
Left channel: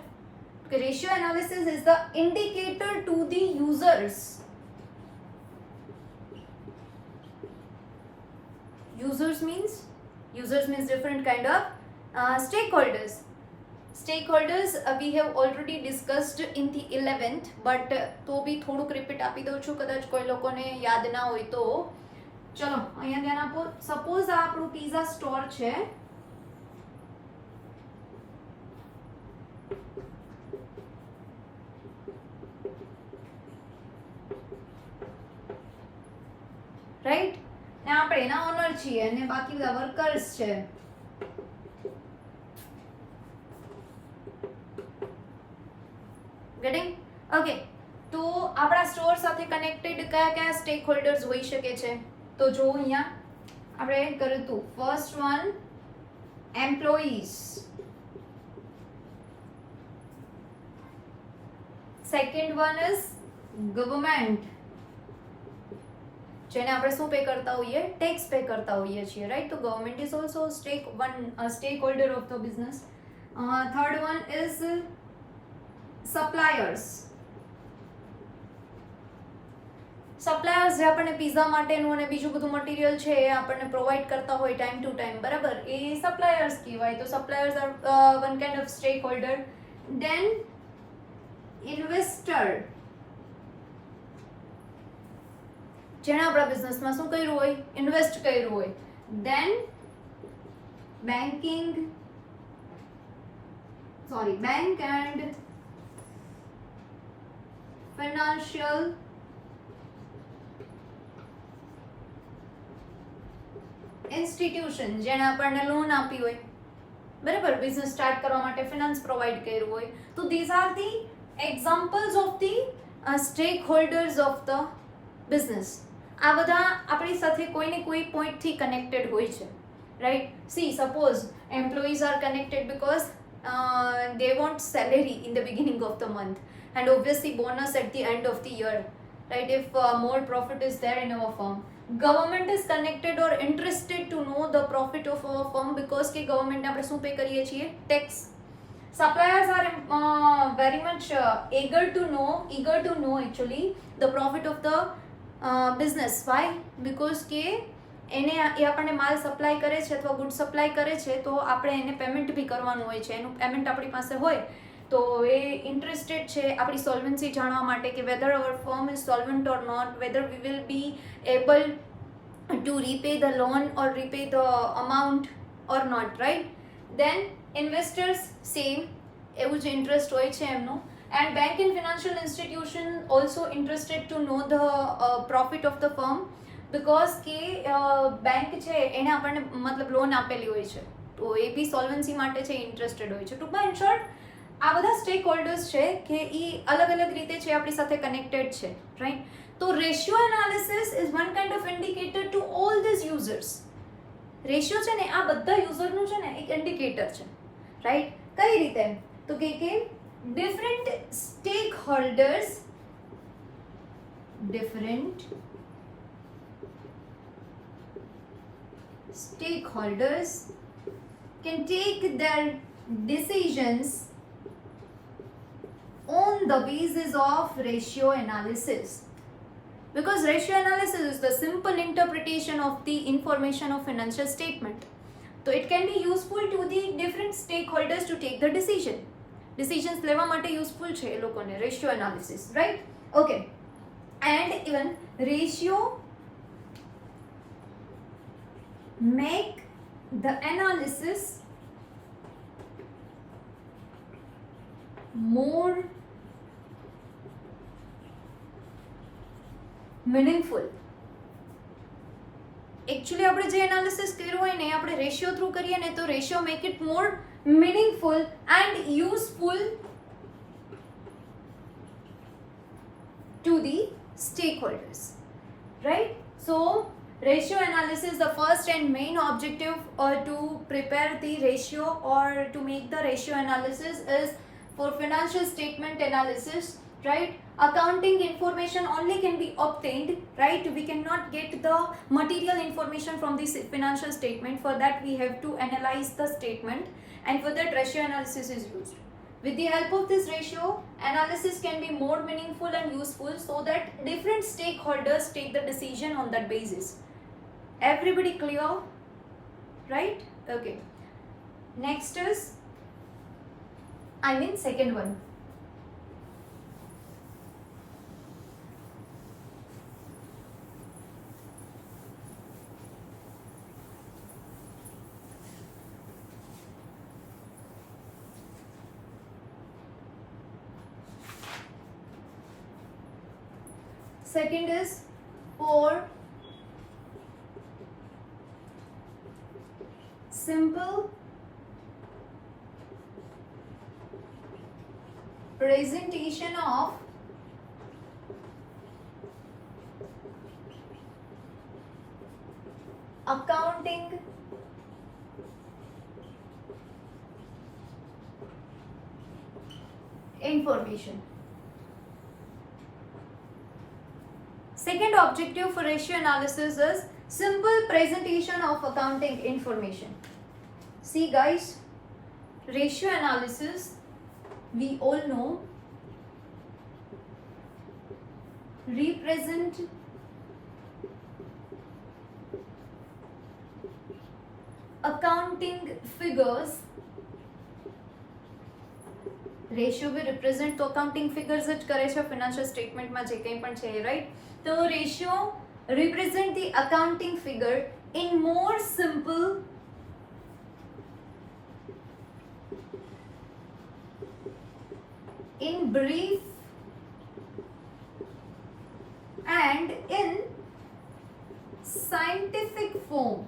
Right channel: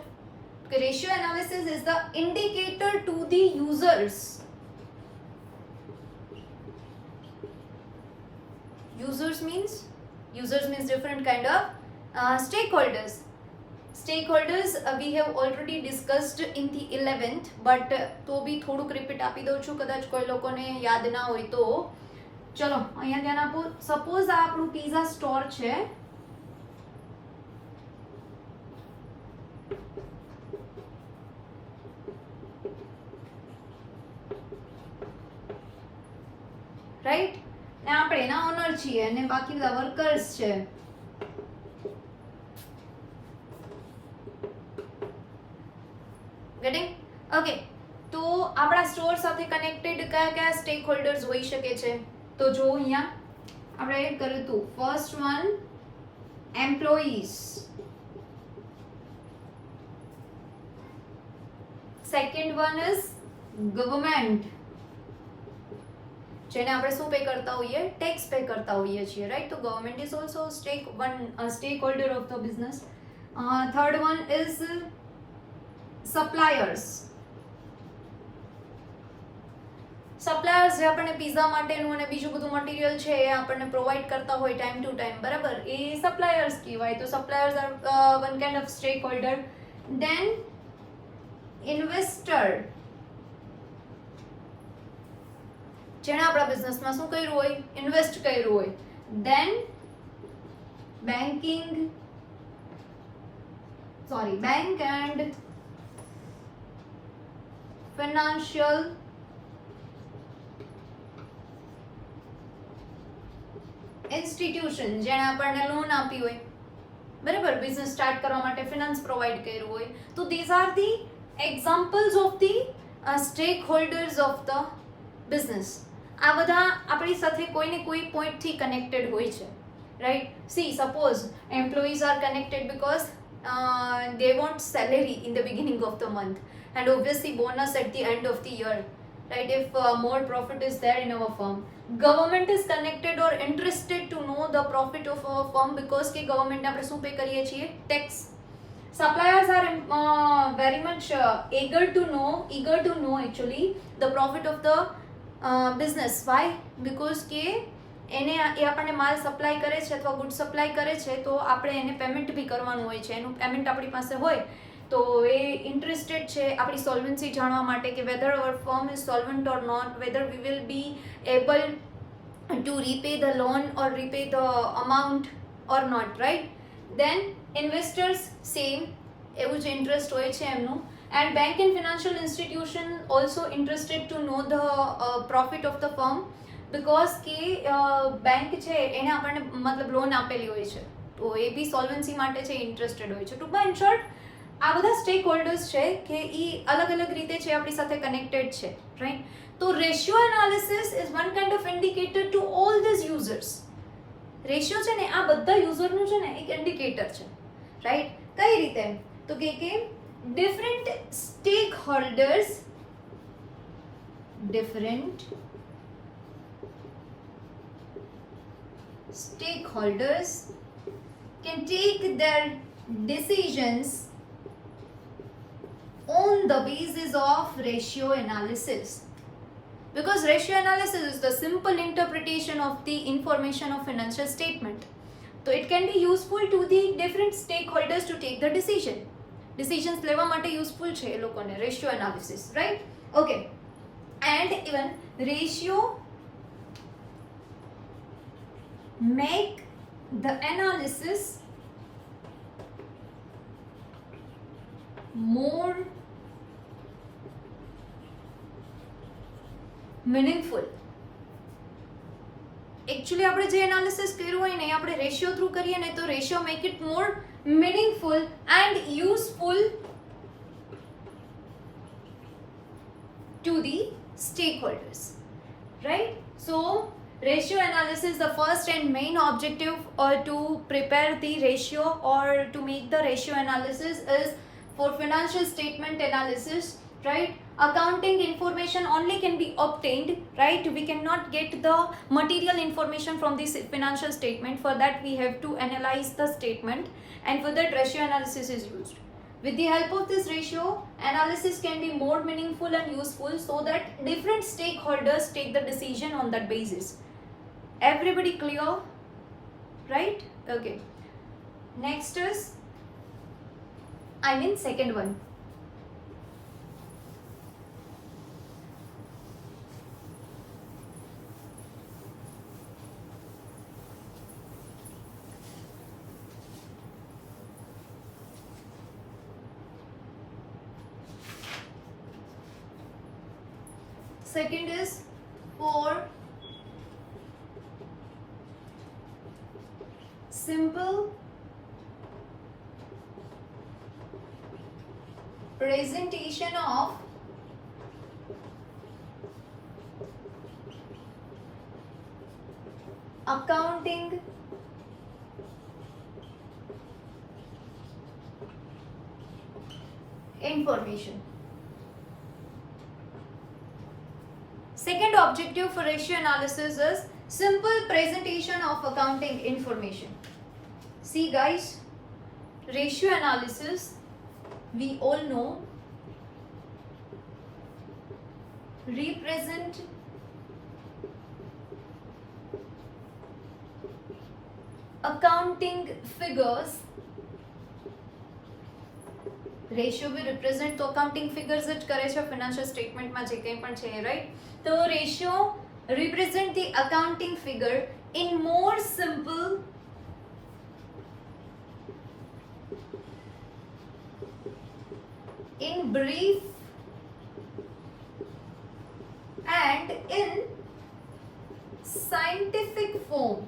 કે ratio analysis is the indicator to the users. Users means different kind of stakeholders. We have already discussed in the 11th, but તો બી થોડુંક રિપીટ આપી દઉં છું, કદાચ કોઈ લોકોને યાદ ના હોય તો. ચલો અહીંયા ધ્યાન આપો. સપોઝ આ આપણું પીઝા સ્ટોર છે, રાઈટ, ને આપણે એના ઓનર છીએ અને બાકી બધા વર્કર્સ છે. Getting? Okay. તો આપણા સ્ટોર સાથે કનેક્ટેડ કયા કયા સ્ટેક હોલ્ડર્સ હોઈ શકે છે? તો જો અહીંયા આપણે કર્યું હતું, first one employees, second one is government, જેને આપણે શું પે કરતા હોઈએ? ટેક્સ પે કરતા હોઈએ છીએ, રાઈટ. તો government is also stack holder of the business. Third one is suppliers. Suppliers જે આપણને પીઝા માટેનું અને બીજું બધું મટીરિયલ છે એ આપણને પ્રોવાઈડ કરતા હોય ટાઈમ ટુ ટાઈમ, બરાબર, એ સપ્લાયર્સ કહેવાય. તો suppliers are one kind of stake holder. Then investor, જેણે આપણા બિઝનેસમાં શું કર્યું હોય? ઇન્વેસ્ટ કર્યું હોય. Then bank and financial institution, જેણે આપણને લોન આપી હોય, બરાબર, બિઝનેસ સ્ટાર્ટ કરવા માટે ફિનાન્સ પ્રોવાઈડ કર્યું હોય. તો these are the examples of the stack holders of the business. આ બધા આપણી સાથે કોઈ ને કોઈ પોઈન્ટથી કનેક્ટેડ હોય છે, right. See, suppose employees are connected because they want salary in the beginning of the month and obviously bonus at the end of the year, right, if more profit is there in our firm. Government is connected or interested to know the profit of our firm because કે government ને આપણે શું પે કરીએ છીએ? Tax. Suppliers are very much eager to know actually the profit of the business. Why? Because કે એને એ આપણને માલ સપ્લાય કરે છે અથવા ગુડ સપ્લાય કરે છે તો આપણે એને પેમેન્ટ બી કરવાનું હોય છે. એનું પેમેન્ટ આપણી પાસે હોય તો એ ઇન્ટરેસ્ટેડ છે આપણી સોલ્વન્સી જાણવા માટે કે whether our firm is solvent or not, whether we will be able to repay the loan or repay the amount or not, right? Then investors same, એવું જ interest હોય છે એમનું. And bank and financial institution also interested to know the profit of the firm, because કે બેંક છે એને આપણને મતલબ લોન આપેલી હોય છે, તો એ બી સોલ્વન્સી માટે છે ઇન્ટરેસ્ટેડ હોય છે. ટૂંકમાં ઇન શોર્ટ આ બધા સ્ટેક હોલ્ડર્સ છે કે એ અલગ અલગ રીતે છે આપણી સાથે કનેક્ટેડ છે, રાઈટ? તો ratio analysis is one kind of indicator to all these users. Ratio છે ને આ બધા યુઝરનું છે ને એક ઇન્ડિકેટર છે, રાઈટ? કઈ રીતે? તો કે different stakeholders can take their decisions on the basis of ratio analysis, because ratio analysis is the simple interpretation of the information of financial statement, so it can be useful to the different stakeholders to take the decisions લેવા માટે યુઝફુલ છે એ લોકોને ratio analysis, right? Okay. And even ratio make the analysis more meaningful. Actually આપણે જે એનાલિસિસ કર્યું હોય ને એ આપણે રેશિયો થ્રુ કરીએ ને તો ratio make it more meaningful and useful to the stakeholders, right? So ratio analysis, the first and main objective to prepare the ratio or to make the ratio analysis is for financial statement analysis, right? Accounting information only can be obtained, right? We cannot get the material information from this financial statement. For that we have to analyze the statement, and for that ratio analysis is used. With the help of this ratio, analysis can be more meaningful and useful so that different stakeholders take the decision on that basis. Everybody clear? Right? Okay. Next is, second one. Second is for simple presentation of accounting information. Second objective for ratio analysis is simple presentation of accounting information. See guys, ratio analysis, we all know, represent accounting figures. Ratio બી represent તો accounting figures જ કરે છે ફિનાન્શિયલ સ્ટેટમેન્ટમાં જે કંઈ પણ છે, રાઈટ? તો ratio represent the accounting figure in more simple in brief and in scientific form.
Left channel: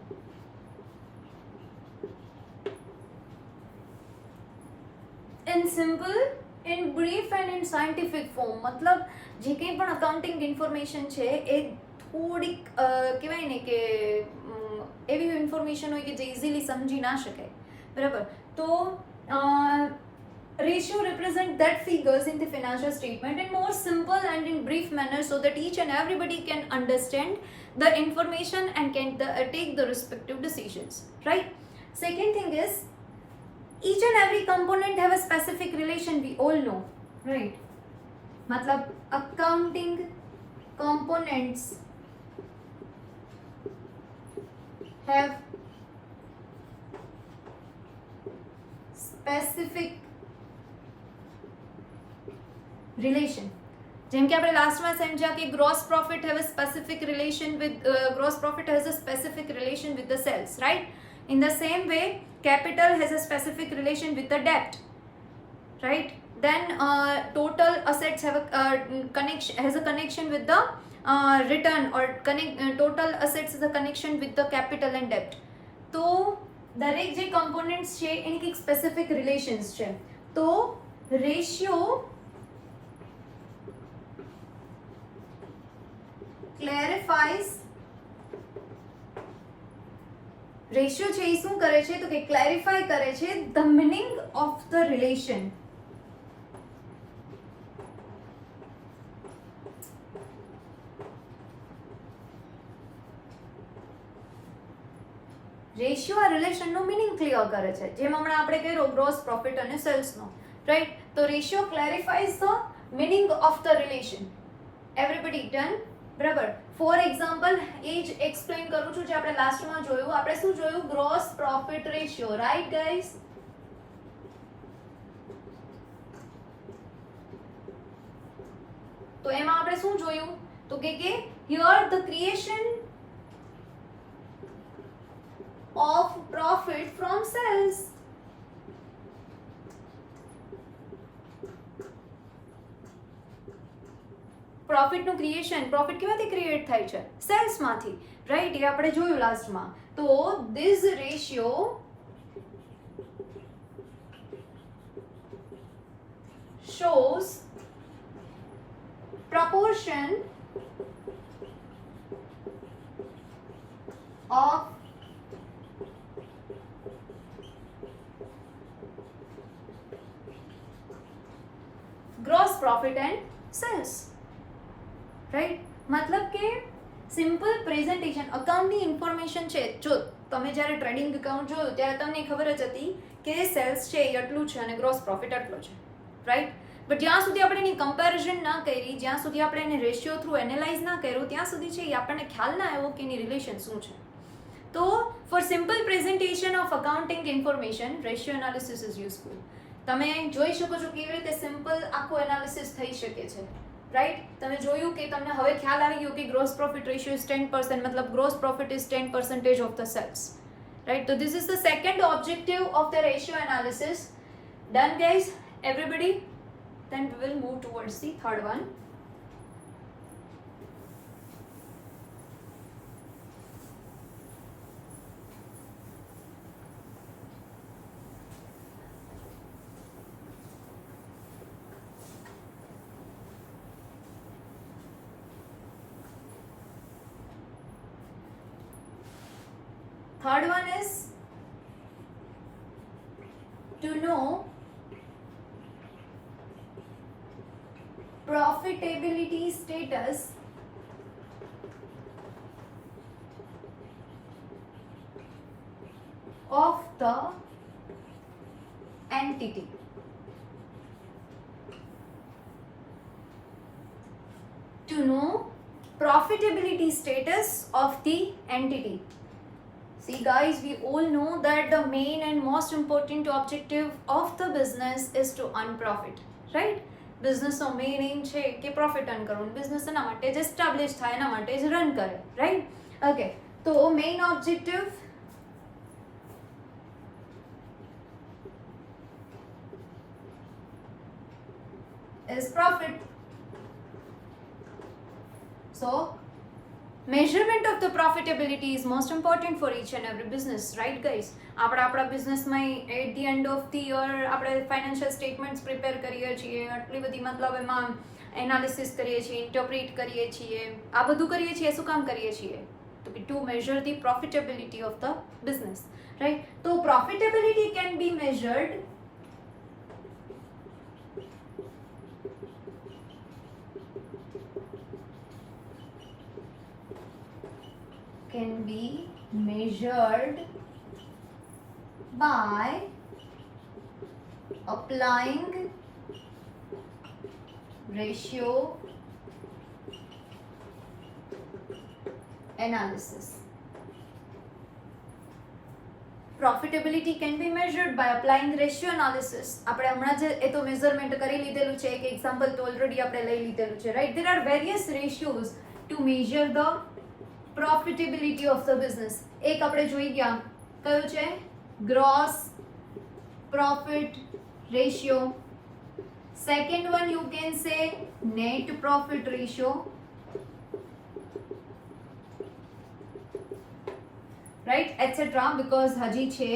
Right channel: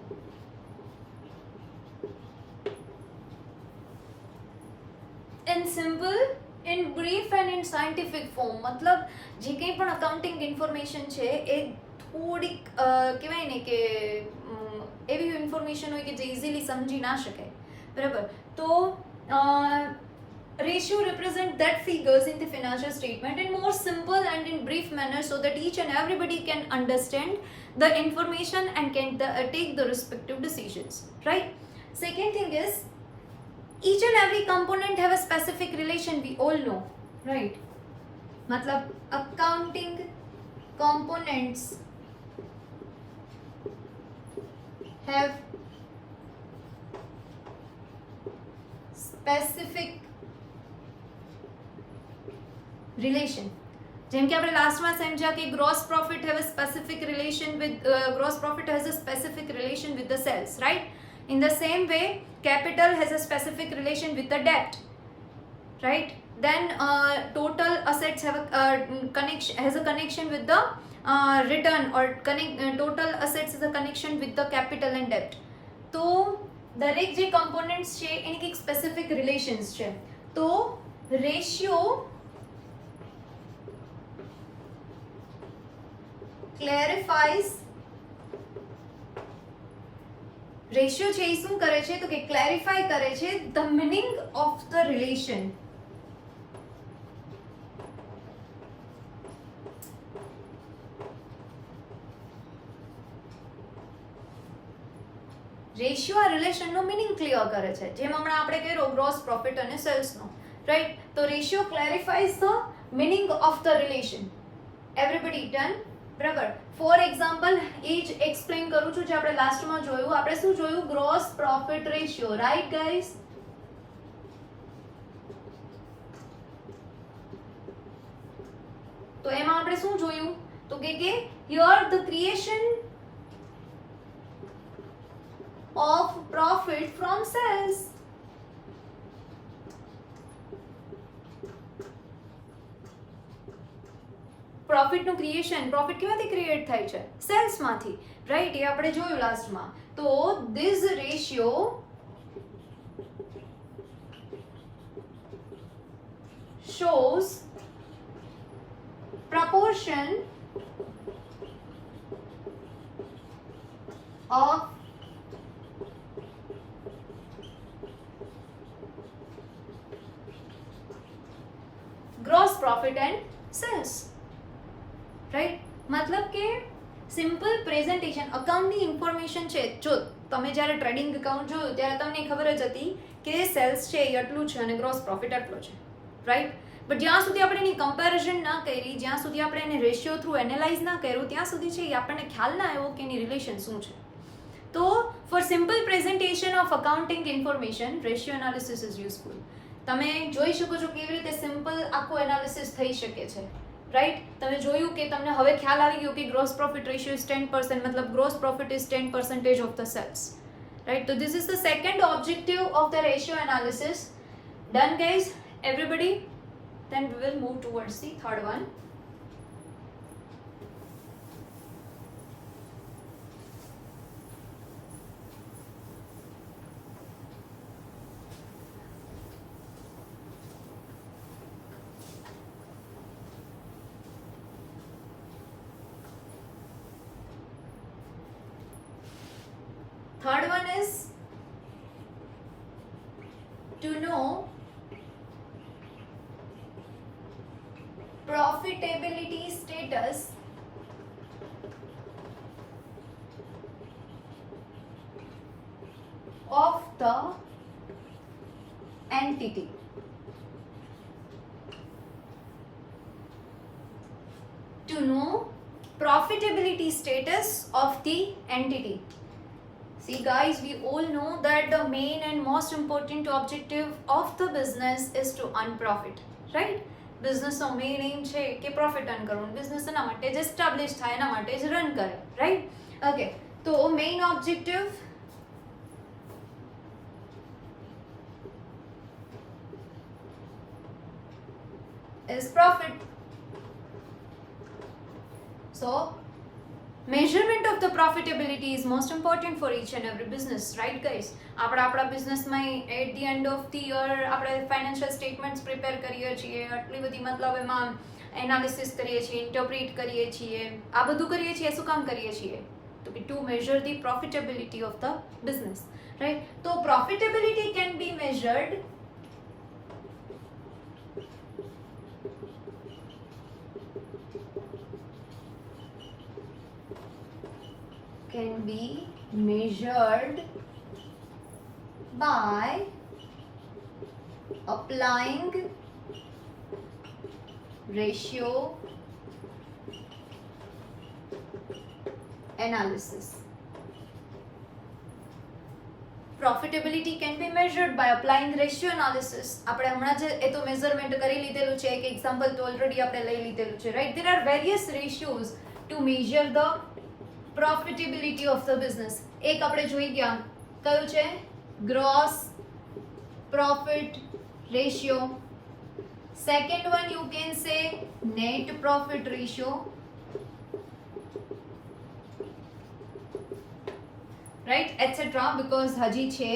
In simple, in brief and in scientific form. मतलब જે કંઈ પણ અકાઉન્ટિંગ ઇન્ફોર્મેશન છે એ થોડીક કહેવાય ને કે એવી ઇન્ફોર્મેશન હોય કે જે ઇઝીલી સમજી ના શકાય, બરાબર? તો ratio represent that figures in the financial statement in more simple and in brief manner so that each and everybody can understand the information and can take the respective decisions, right? Second thing is, each and every component have a specific relation, we all know, right? मतलब accounting components have specific relation. જેમ કે આપણે લાસ્ટમાં સમજ્યા કે gross profit have a specific relation with gross profit has a specific relation with the sales, right? In the same way capital has a specific relation with the debt, right? Then total assets have a connection with the return, or total assets is a connection with the capital and debt. તો દરેક જે કમ્પોનન્ટ્સ છે એની કંઈક specific relations છે. તો ratio ક્લેરિફાઈઝ, રેશિયો છે એ શું કરે છે તો કે ક્લેરિફાઈ કરે છે the meaning of the relation. Ratio આ રિલેશનનો મિનિંગ ક્લિયર કરે છે, જેમ હમણાં આપણે કર્યો ગ્રોસ પ્રોફિટ અને સેલ્સનો, રાઈટ? તો ratio clarifies the meaning of the relation. Everybody done? બરાબર. ફોર એક્ઝામ્પલ એ જ એક્સપ્લેન કરું છું જે આપણે લાસ્ટમાં જોયું. આપણે શું જોયું? Gross profit ratio, right guys? તો એમાં આપણે શું જોયું તો કે here the creation of profit from sales. Profit નું ક્રિએશન, પ્રોફિટ કેમાંથી ક્રિએટ થાય છે? સેલ્સ માંથી, રાઈટ? એ આપણે જોયું લાસ્ટમાં. તો this ratio shows proportion of gross profit and sales, right? મતલબ કે સિમ્પલ પ્રેઝન્ટેશન. અકાઉન્ટની ઇન્ફોર્મેશન છે, જો તમે જ્યારે ટ્રેડિંગ અકાઉન્ટ જોયું ત્યારે તમને ખબર જ હતી કે સેલ્સ છે એ આટલું છે અને ગ્રોસ પ્રોફિટ આટલો છે, રાઈટ? બટ જ્યાં સુધી આપણે એની કમ્પેરિઝન ના કરી, જ્યાં સુધી આપણે એને રેશિયો થ્રુ એનાલાઇઝ ના કર્યું, ત્યાં સુધી છે એ આપણને ખ્યાલ ના આવ્યો કે એની રિલેશન શું છે. તો for simple presentation of accounting information ratio analysis is useful. તમે જોઈ શકો છો કેવી રીતે સિમ્પલ આખું એનાલિસિસ થઈ શકે છે, રાઈટ? તમે જોયું કે તમને હવે ખ્યાલ આવી ગયો કે ગ્રોસ પ્રોફિટ રેશિયો ઇઝ 10%, મતલબ gross profit is 10% of the sales, right? તો this is the second objective of the ratio analysis. Done guys? Everybody? Then we will move towards the third one. Third one is to know profitability status of the entity. To know profitability status of the entity. See guys, we all know that the main and most important objective of the business is to earn profit, right? Business નો main aim છે કે profit earn કરવું. બિઝનેસ એના માટે જ એસ્ટાબ્લિશ થાય, એના માટે જ રન કરે, રાઈટ? ઓકે, તો main objective is profit. So measurement of the profitability is most important for each and every business, right guys? આપણા બિઝનેસમાં at the end of the year આપણે ફાઇનાન્શિયલ સ્ટેટમેન્ટ્સ પ્રિપેર કરીએ છીએ, આટલી બધી મતલબ એમાં એનાલિસિસ કરીએ છીએ, ઇન્ટરપ્રિટ કરીએ છીએ, આ બધું કરીએ છીએ. શું કામ કરીએ છીએ? તો કે to measure the profitability of the business, right? તો profitability can be measured by applying ratio analysis. profitability can be measured by applying ratio analysis. આપણે હમણાં જે એ તો મેઝરમેન્ટ કરી લીધેલું છે, એક એક્ઝામ્પલ તો ઓલરેડી આપણે લઈ લીધેલું છે, right. There are various ratios to measure the profitability of the business. એક આપણે જોઈ ગયા, કયું છે? gross profit ratio. Second one you can say net profit ratio, right, etc. because હજી છે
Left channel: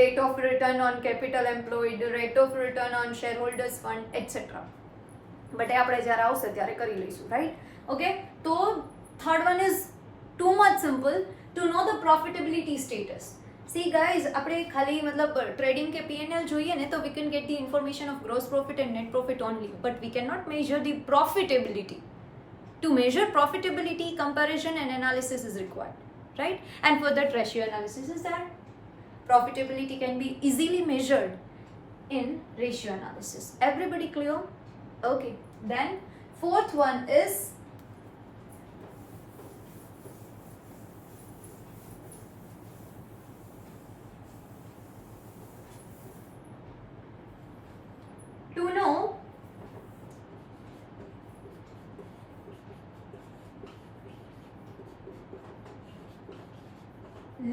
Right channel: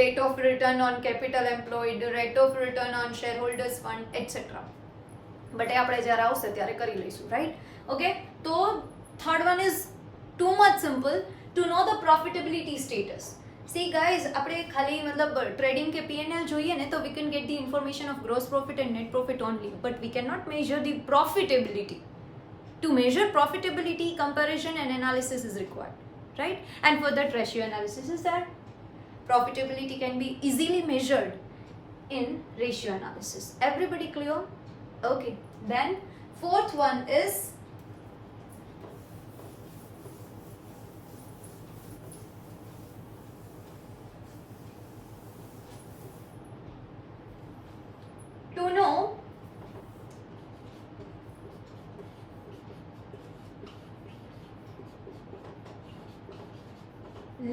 rate of return on capital employed, rate of return on shareholders fund, etc. But એ આપણે જ્યારે આવશે ત્યારે કરી લઈશું, રાઈટ. ઓકે, તો third one is too much simple to know the profitability status. See guys, આપણે ખાલી મતલબ ટ્રેડિંગ કે પીએનએલ જોઈએ ને તો we can get the information of gross profit and net profit only, but we can not measure the profitability. To measure profitability, comparison and analysis is required, right? And for that, ratio analysis is there. Profitability can be easily measured in ratio analysis. Everybody clear? Okay. Then fourth one is to know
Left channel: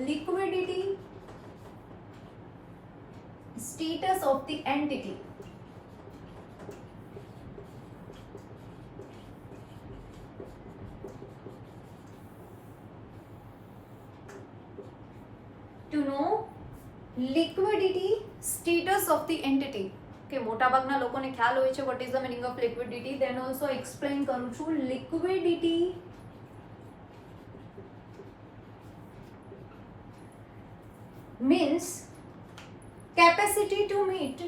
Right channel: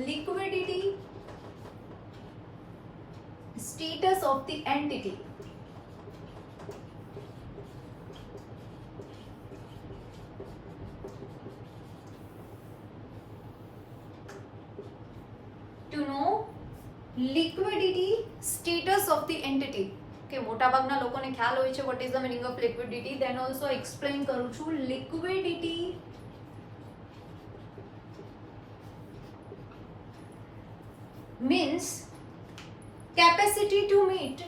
liquidity status of the entity. To know liquidity status of the entity. કે મોટા ભાગના લોકોને ખ્યાલ હોય છે what is the meaning of liquidity. then also explain કરું છું. liquidity means capacity to meet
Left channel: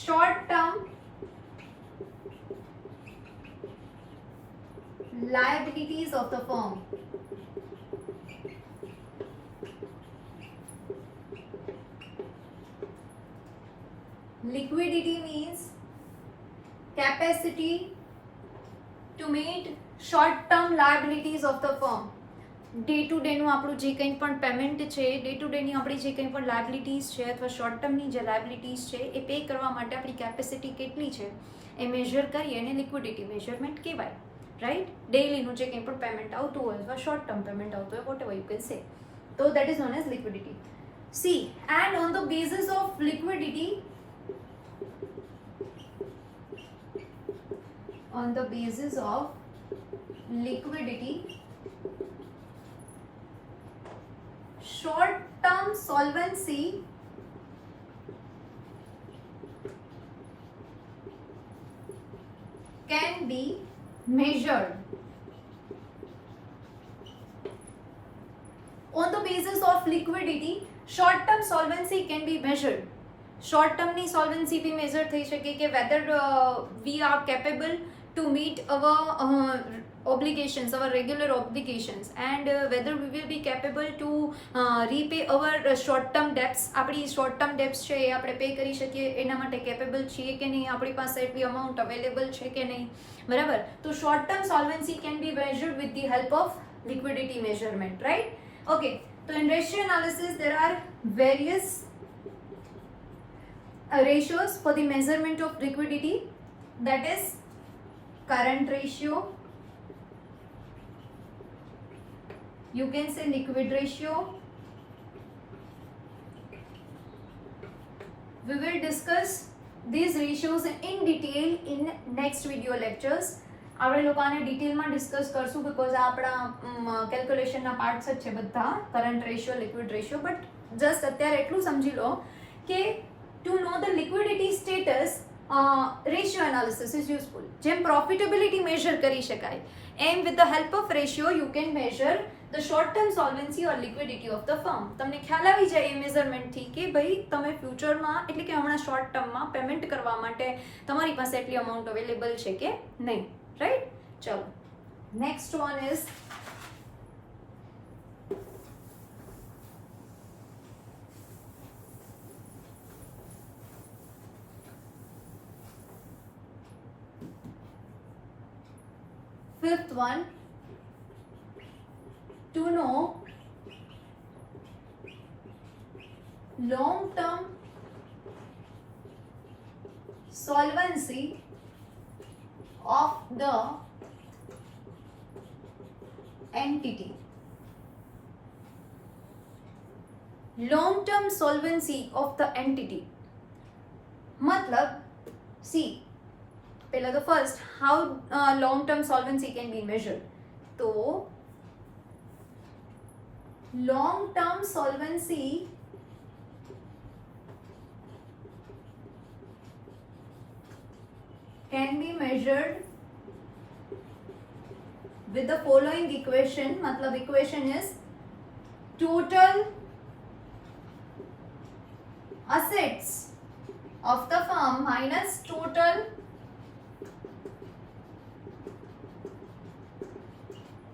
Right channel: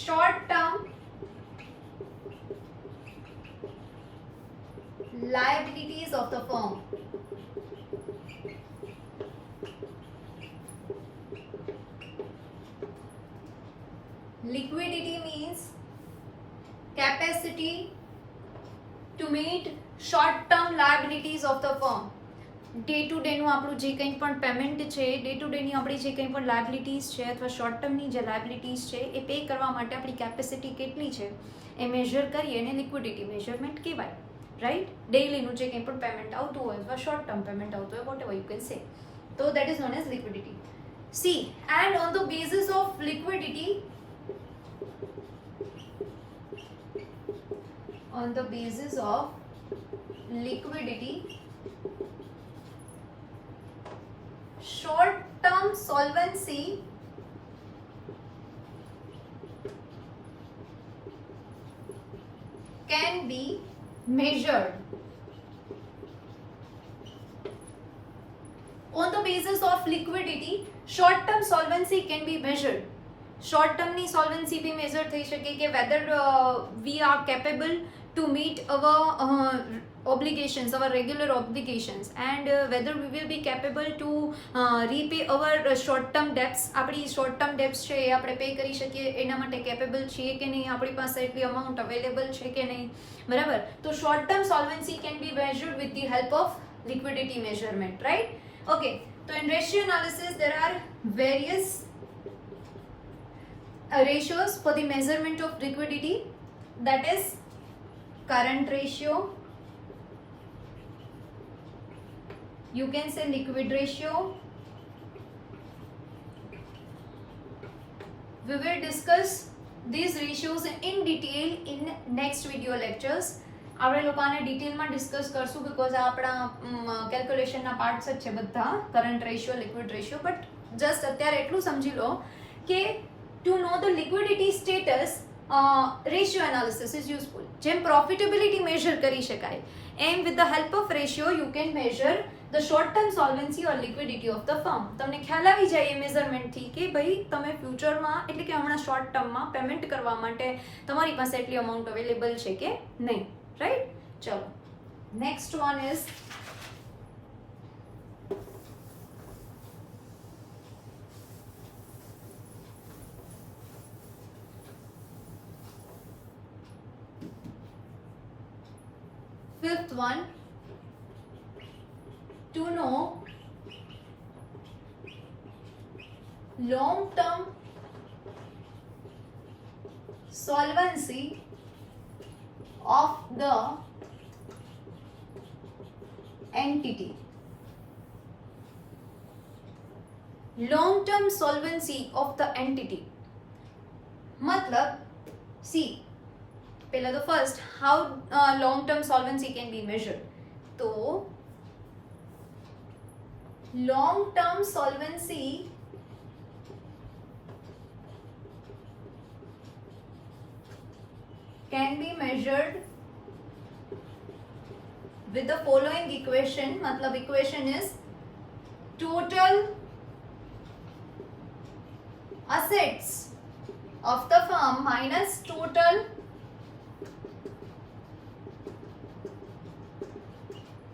short term liabilities of the firm. Liquidity means capacity to meet short term liabilities of the firm. Day to ડેનું આપણું જે કંઈ પણ પેમેન્ટ છે, day to ડેની આપણી જે કંઈ પણ લાયબિલિટીઝ છે અથવા શોર્ટ ટર્મની જે લાયબિલિટીઝ છે એ પે કરવા માટે આપણી કેપેસિટી કેટલી છે એ મેજર કરીએ એને લિક્વિડિટી મેજરમેન્ટ કહેવાય, રાઈટ. ડેઈલીનું જે કંઈ પણ પેમેન્ટ આવતું હોય અથવા શોર્ટ ટર્મ પેમેન્ટ આવતું હોય, vote ever you can say, તો that is known as liquidity. C, and on the basis of liquidity, on the basis of liquidity, short term solvency can be measured. On the basis of liquidity, short term solvency can be measured. Short ટર્મની solvency બી measure થઈ શકે કે whether we are capable to meet our obligations, our regular obligations, and whether we will be capable to repay our short term debts. આપણી short term debts છે એ આપણે પે કરી શકીએ એના માટે કેપેબલ છીએ કે નહીં, આપણી પાસે એટલી અમાઉન્ટ અવેલેબલ છે કે નહીં, બરાબર. તો short term solvency can be measured with the help of liquidity measurement, right? Okay, so in ratio analysis there are various ratios for the measurement of liquidity, that is current ratio, you can say liquid ratio. We will discuss these ratios in detail in next video lectures. આપણે લોકોને ડિટેલમાં ડિસ્કસ કરશું બીકોઝ આ આપણા કેલ્ક્યુલેશનના પાર્ટ્સ જ છે બધા, current ratio, liquid ratio. But just અત્યારે એટલું સમજી લો કે to know the liquidity status, ratio analysis is useful. જેમ profitability measure કરી શકાય, એમ with the help of ratio you can measure the short term solvency or liquidity of the firm. તમને ખ્યાલ આવી જાય એ મેઝરમેન્ટથી કે ભાઈ તમે ફ્યુચરમાં એટલે કે હમણાં શોર્ટ ટર્મમાં પેમેન્ટ કરવા માટે તમારી પાસે એટલી અમાઉન્ટ અવેલેબલ છે કે નહીં, રાઈટ. ચલો next one is Fifth one, to know long-term solvency of the entity. Long-term solvency of the entity मतलब see पहला तो first how long-term solvency can be measured. तो long-term solvency can be measured with the following equation. मतलब equation is total assets of the firm minus total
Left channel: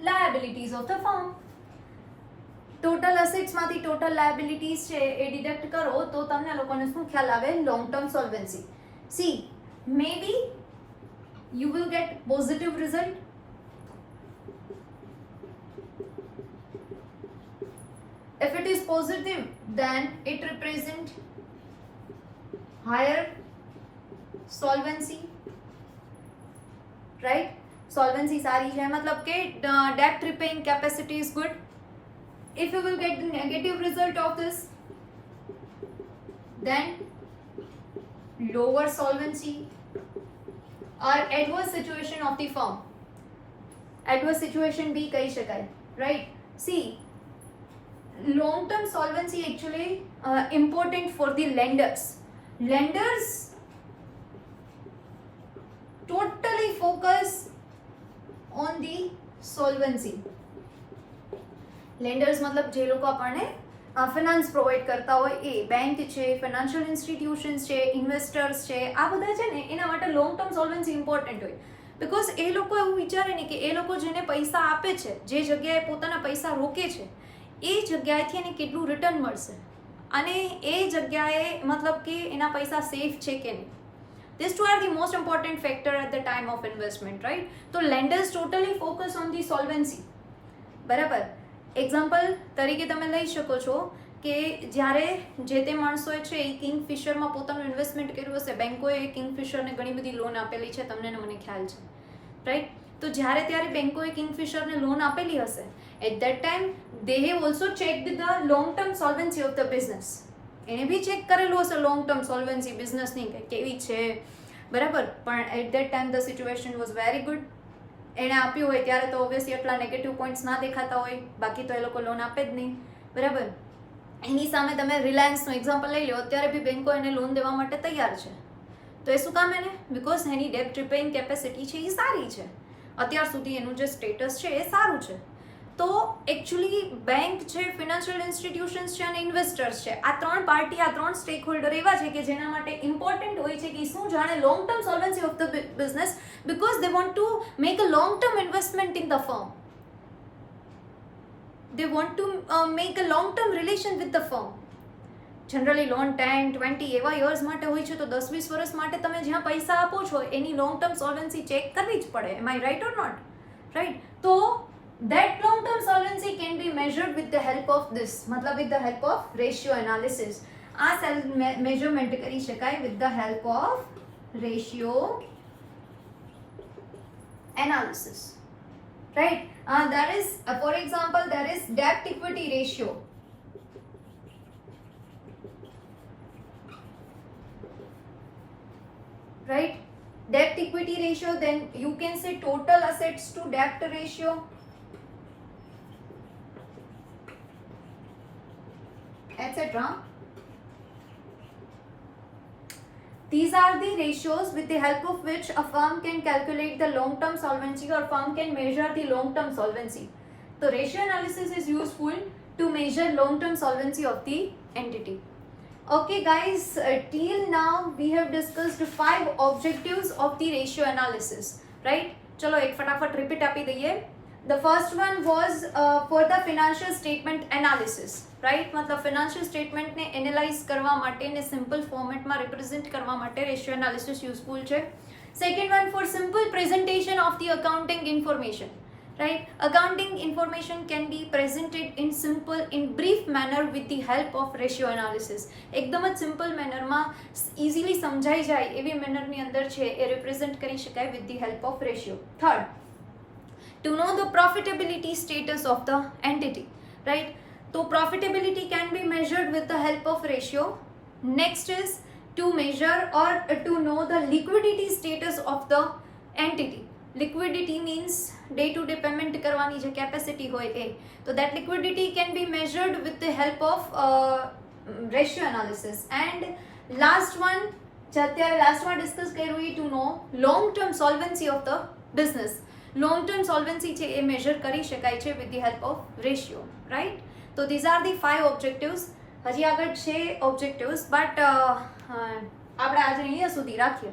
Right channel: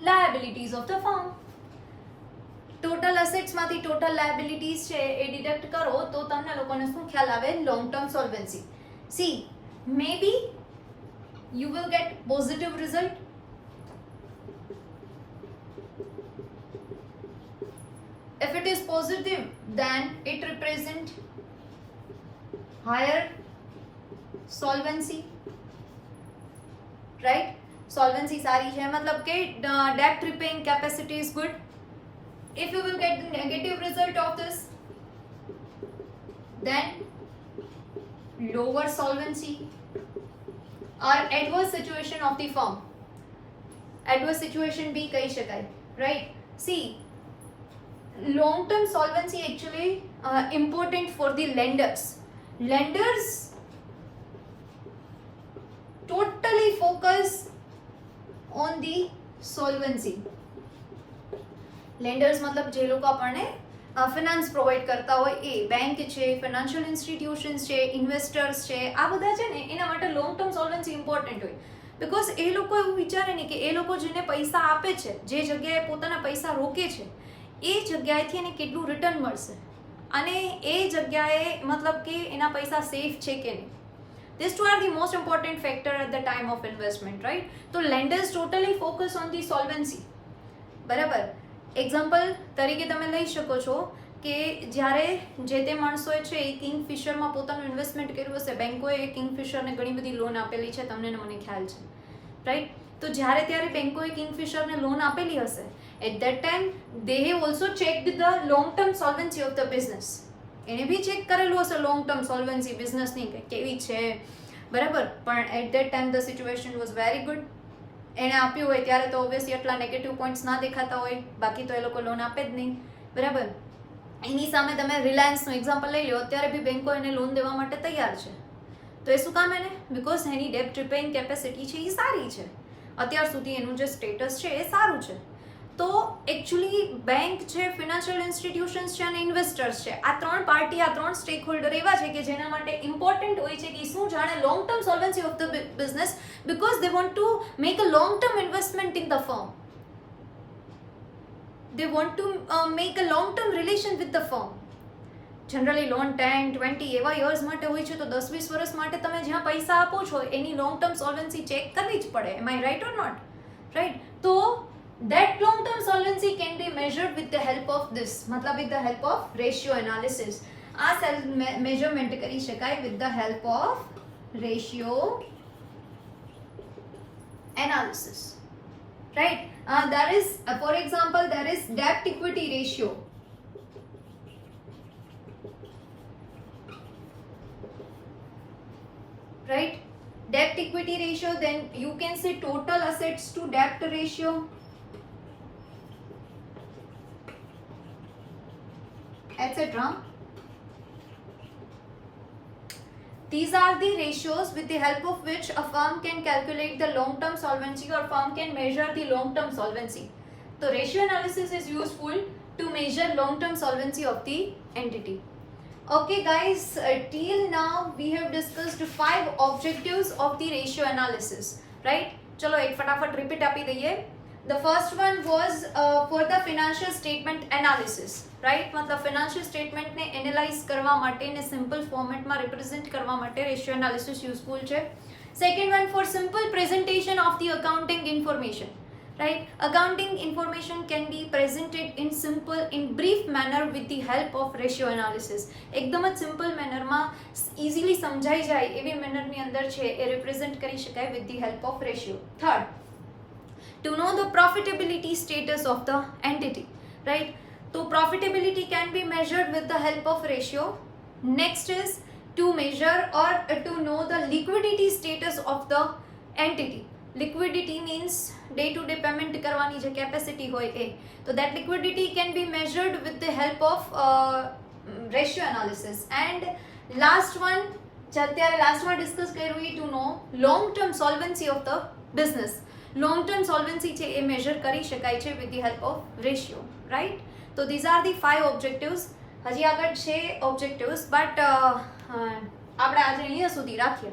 liabilities of the firm. Total assets માંથી total liabilities છે એ ડિડક્ટ કરો તો તમને લોકોને શું ખ્યાલ આવે long term solvency. See may be you will get positive result. If it is positive, then it represent higher solvency, right? Solvency सारी है मतलब के debt repaying capacity is good. If you will get the negative result of this, then lower solvency or adverse situation of the firm. Adverse situation भी कही शकाय, right? See, long-term solvency actually important for the lenders. Lenders totally focus on the solvency. Lenders मतलब જે લોકો આપણને finance provide કરતા હોય એ બેંક છે, ફાઇનાન્શિયલ ઇન્સ્ટિટ્યુશન્સ છે, ઇન્વેસ્ટર્સ છે, આ બધા છે ને એના માટે લોંગ ટર્મ સોલ્વન્સી ઇમ્પોર્ટન્ટ હોય. બિકોઝ એ લોકો એવું વિચારે ને કે એ લોકો જેને પૈસા આપે છે, જે જગ્યાએ પોતાના પૈસા રોકે છે એ જગ્યાએથી એને કેટલું રિટર્ન મળશે અને એ જગ્યાએ મતલબ કે એના પૈસા સેફ છે કે નહીં. These two are the most important factor at the time of investment, right? So lenders totally focus on the solvency. બરાબર. એક્ઝામ્પલ તરીકે તમે લઈ શકો છો કે જ્યારે જે તે માણસોએ છે એ કિંગફિશરમાં પોતાનું ઇન્વેસ્ટમેન્ટ કર્યું હશે, બેંકોએ કિંગફિશરને ઘણી બધી લોન આપેલી છે, તમને ને મને ખ્યાલ છે, રાઈટ? તો જ્યારે ત્યારે બેંકોએ કિંગફિશરને લોન આપેલી હશે, at that time they have also checked the long term solvency of the business. એને બી ચેક કરેલું હશે લોંગ ટર્મ સોલ્વન્સી બિઝનેસની કે કેવી છે, બરાબર? પણ at that time the situation was very good. એણે આપ્યું હોય ત્યારે તો ઓબ્વિયસલી એટલા નેગેટિવ પોઈન્ટ્સ ના દેખાતા હોય, બાકી તો એ લોકો લોન આપે જ નહીં, બરાબર? એની સામે તમે રિલાયન્સનું એક્ઝામ્પલ લઈ લો, અત્યારે બી બેંકો એને લોન દેવા માટે તૈયાર છે. તો એ શું કામ એને? બિકોઝ એની ડેપ્ટ રિપેઇંગ કેપેસિટી છે એ સારી છે, અત્યાર સુધી એનું જે સ્ટેટસ છે એ સારું છે. તો એકચ્યુઅલી બેંક છે, ફિનાન્શિયલ ઇન્સ્ટિટ્યુશન્સ છે અને ઇન્વેસ્ટર્સ છે, આ ત્રણ પાર્ટી, આ ત્રણ સ્ટેક હોલ્ડર એવા છે કે જેના માટે ઇમ્પોર્ટન્ટ હોય છે કે શું જાણે long term solvency of the business, because they want to make a long term investment in the firm. They want to make a long term relation with the firm. Generally loan 10-20 એવા યર્સ માટે હોય છે, તો 10-20 વર્ષ માટે તમે જ્યાં પૈસા આપો છો એની લોંગ ટર્મ સોલ્વન્સી ચેક કરવી જ પડે. Am I right or not? Right? તો that long term solvency can be measured with the help of this, मतलब with the help of ratio analysis. આ measurement કરી શકાય with the help of ratio analysis, right? There is for example there is debt equity ratio. Right? Debt equity ratio, then you can say total assets to debt ratio. Etc. These are the ratios with the help of which a firm can calculate the long-term solvency or firm can measure the long-term solvency. So ratio analysis is useful to measure long-term solvency of the entity. Okay guys, till now we have discussed 5 objectives of the ratio analysis, right? चलो एक फटाफट रिपीट આપી દઈએ. The first one was for the financial statement analysis, right? मतलब financial statement ने analyze करवा माटे ने simple format માં represent करवा माटे ratio analysis useful છે. Second one for simple presentation of the accounting information, right? Accounting information can be presented in simple, in brief manner with the help of ratio analysis. एकदम જ simple manner માં easily સમજાઈ જાય એવી manner ની અંદર છે એ represent કરી શકાય with the help of ratio. Third, to know the profitability status of the entity, right? So profitability can be measured with the help of ratio. Next is to measure or to know the liquidity status of the entity. Liquidity means day to day payment કરવાની જે capacity હોય એ. So that liquidity can be measured with the help of ratio analysis. And last one જે અત્યારે લાસ્ટમાં ડિસ્કસ કર્યું એ to know long term solvency of the business. Long term solvency છે એ મેજર કરી શકાય છે with the help of ratio, right? તો these are the 5 ઓબ્જેક્ટિવ્સ. હજી આગળ છે ઓબ્જેક્ટિવ્સ, બટ આપણે આજે અહીંયા સુધી રાખીએ.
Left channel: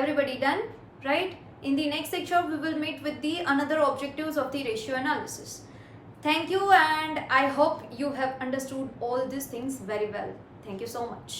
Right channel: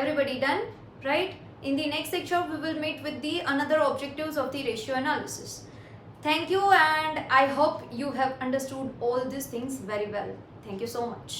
Everybody done, right? In the next lecture we will meet with the another objectives of the ratio analysis. Thank you, and I hope you have understood all these things very well. Thank you so much.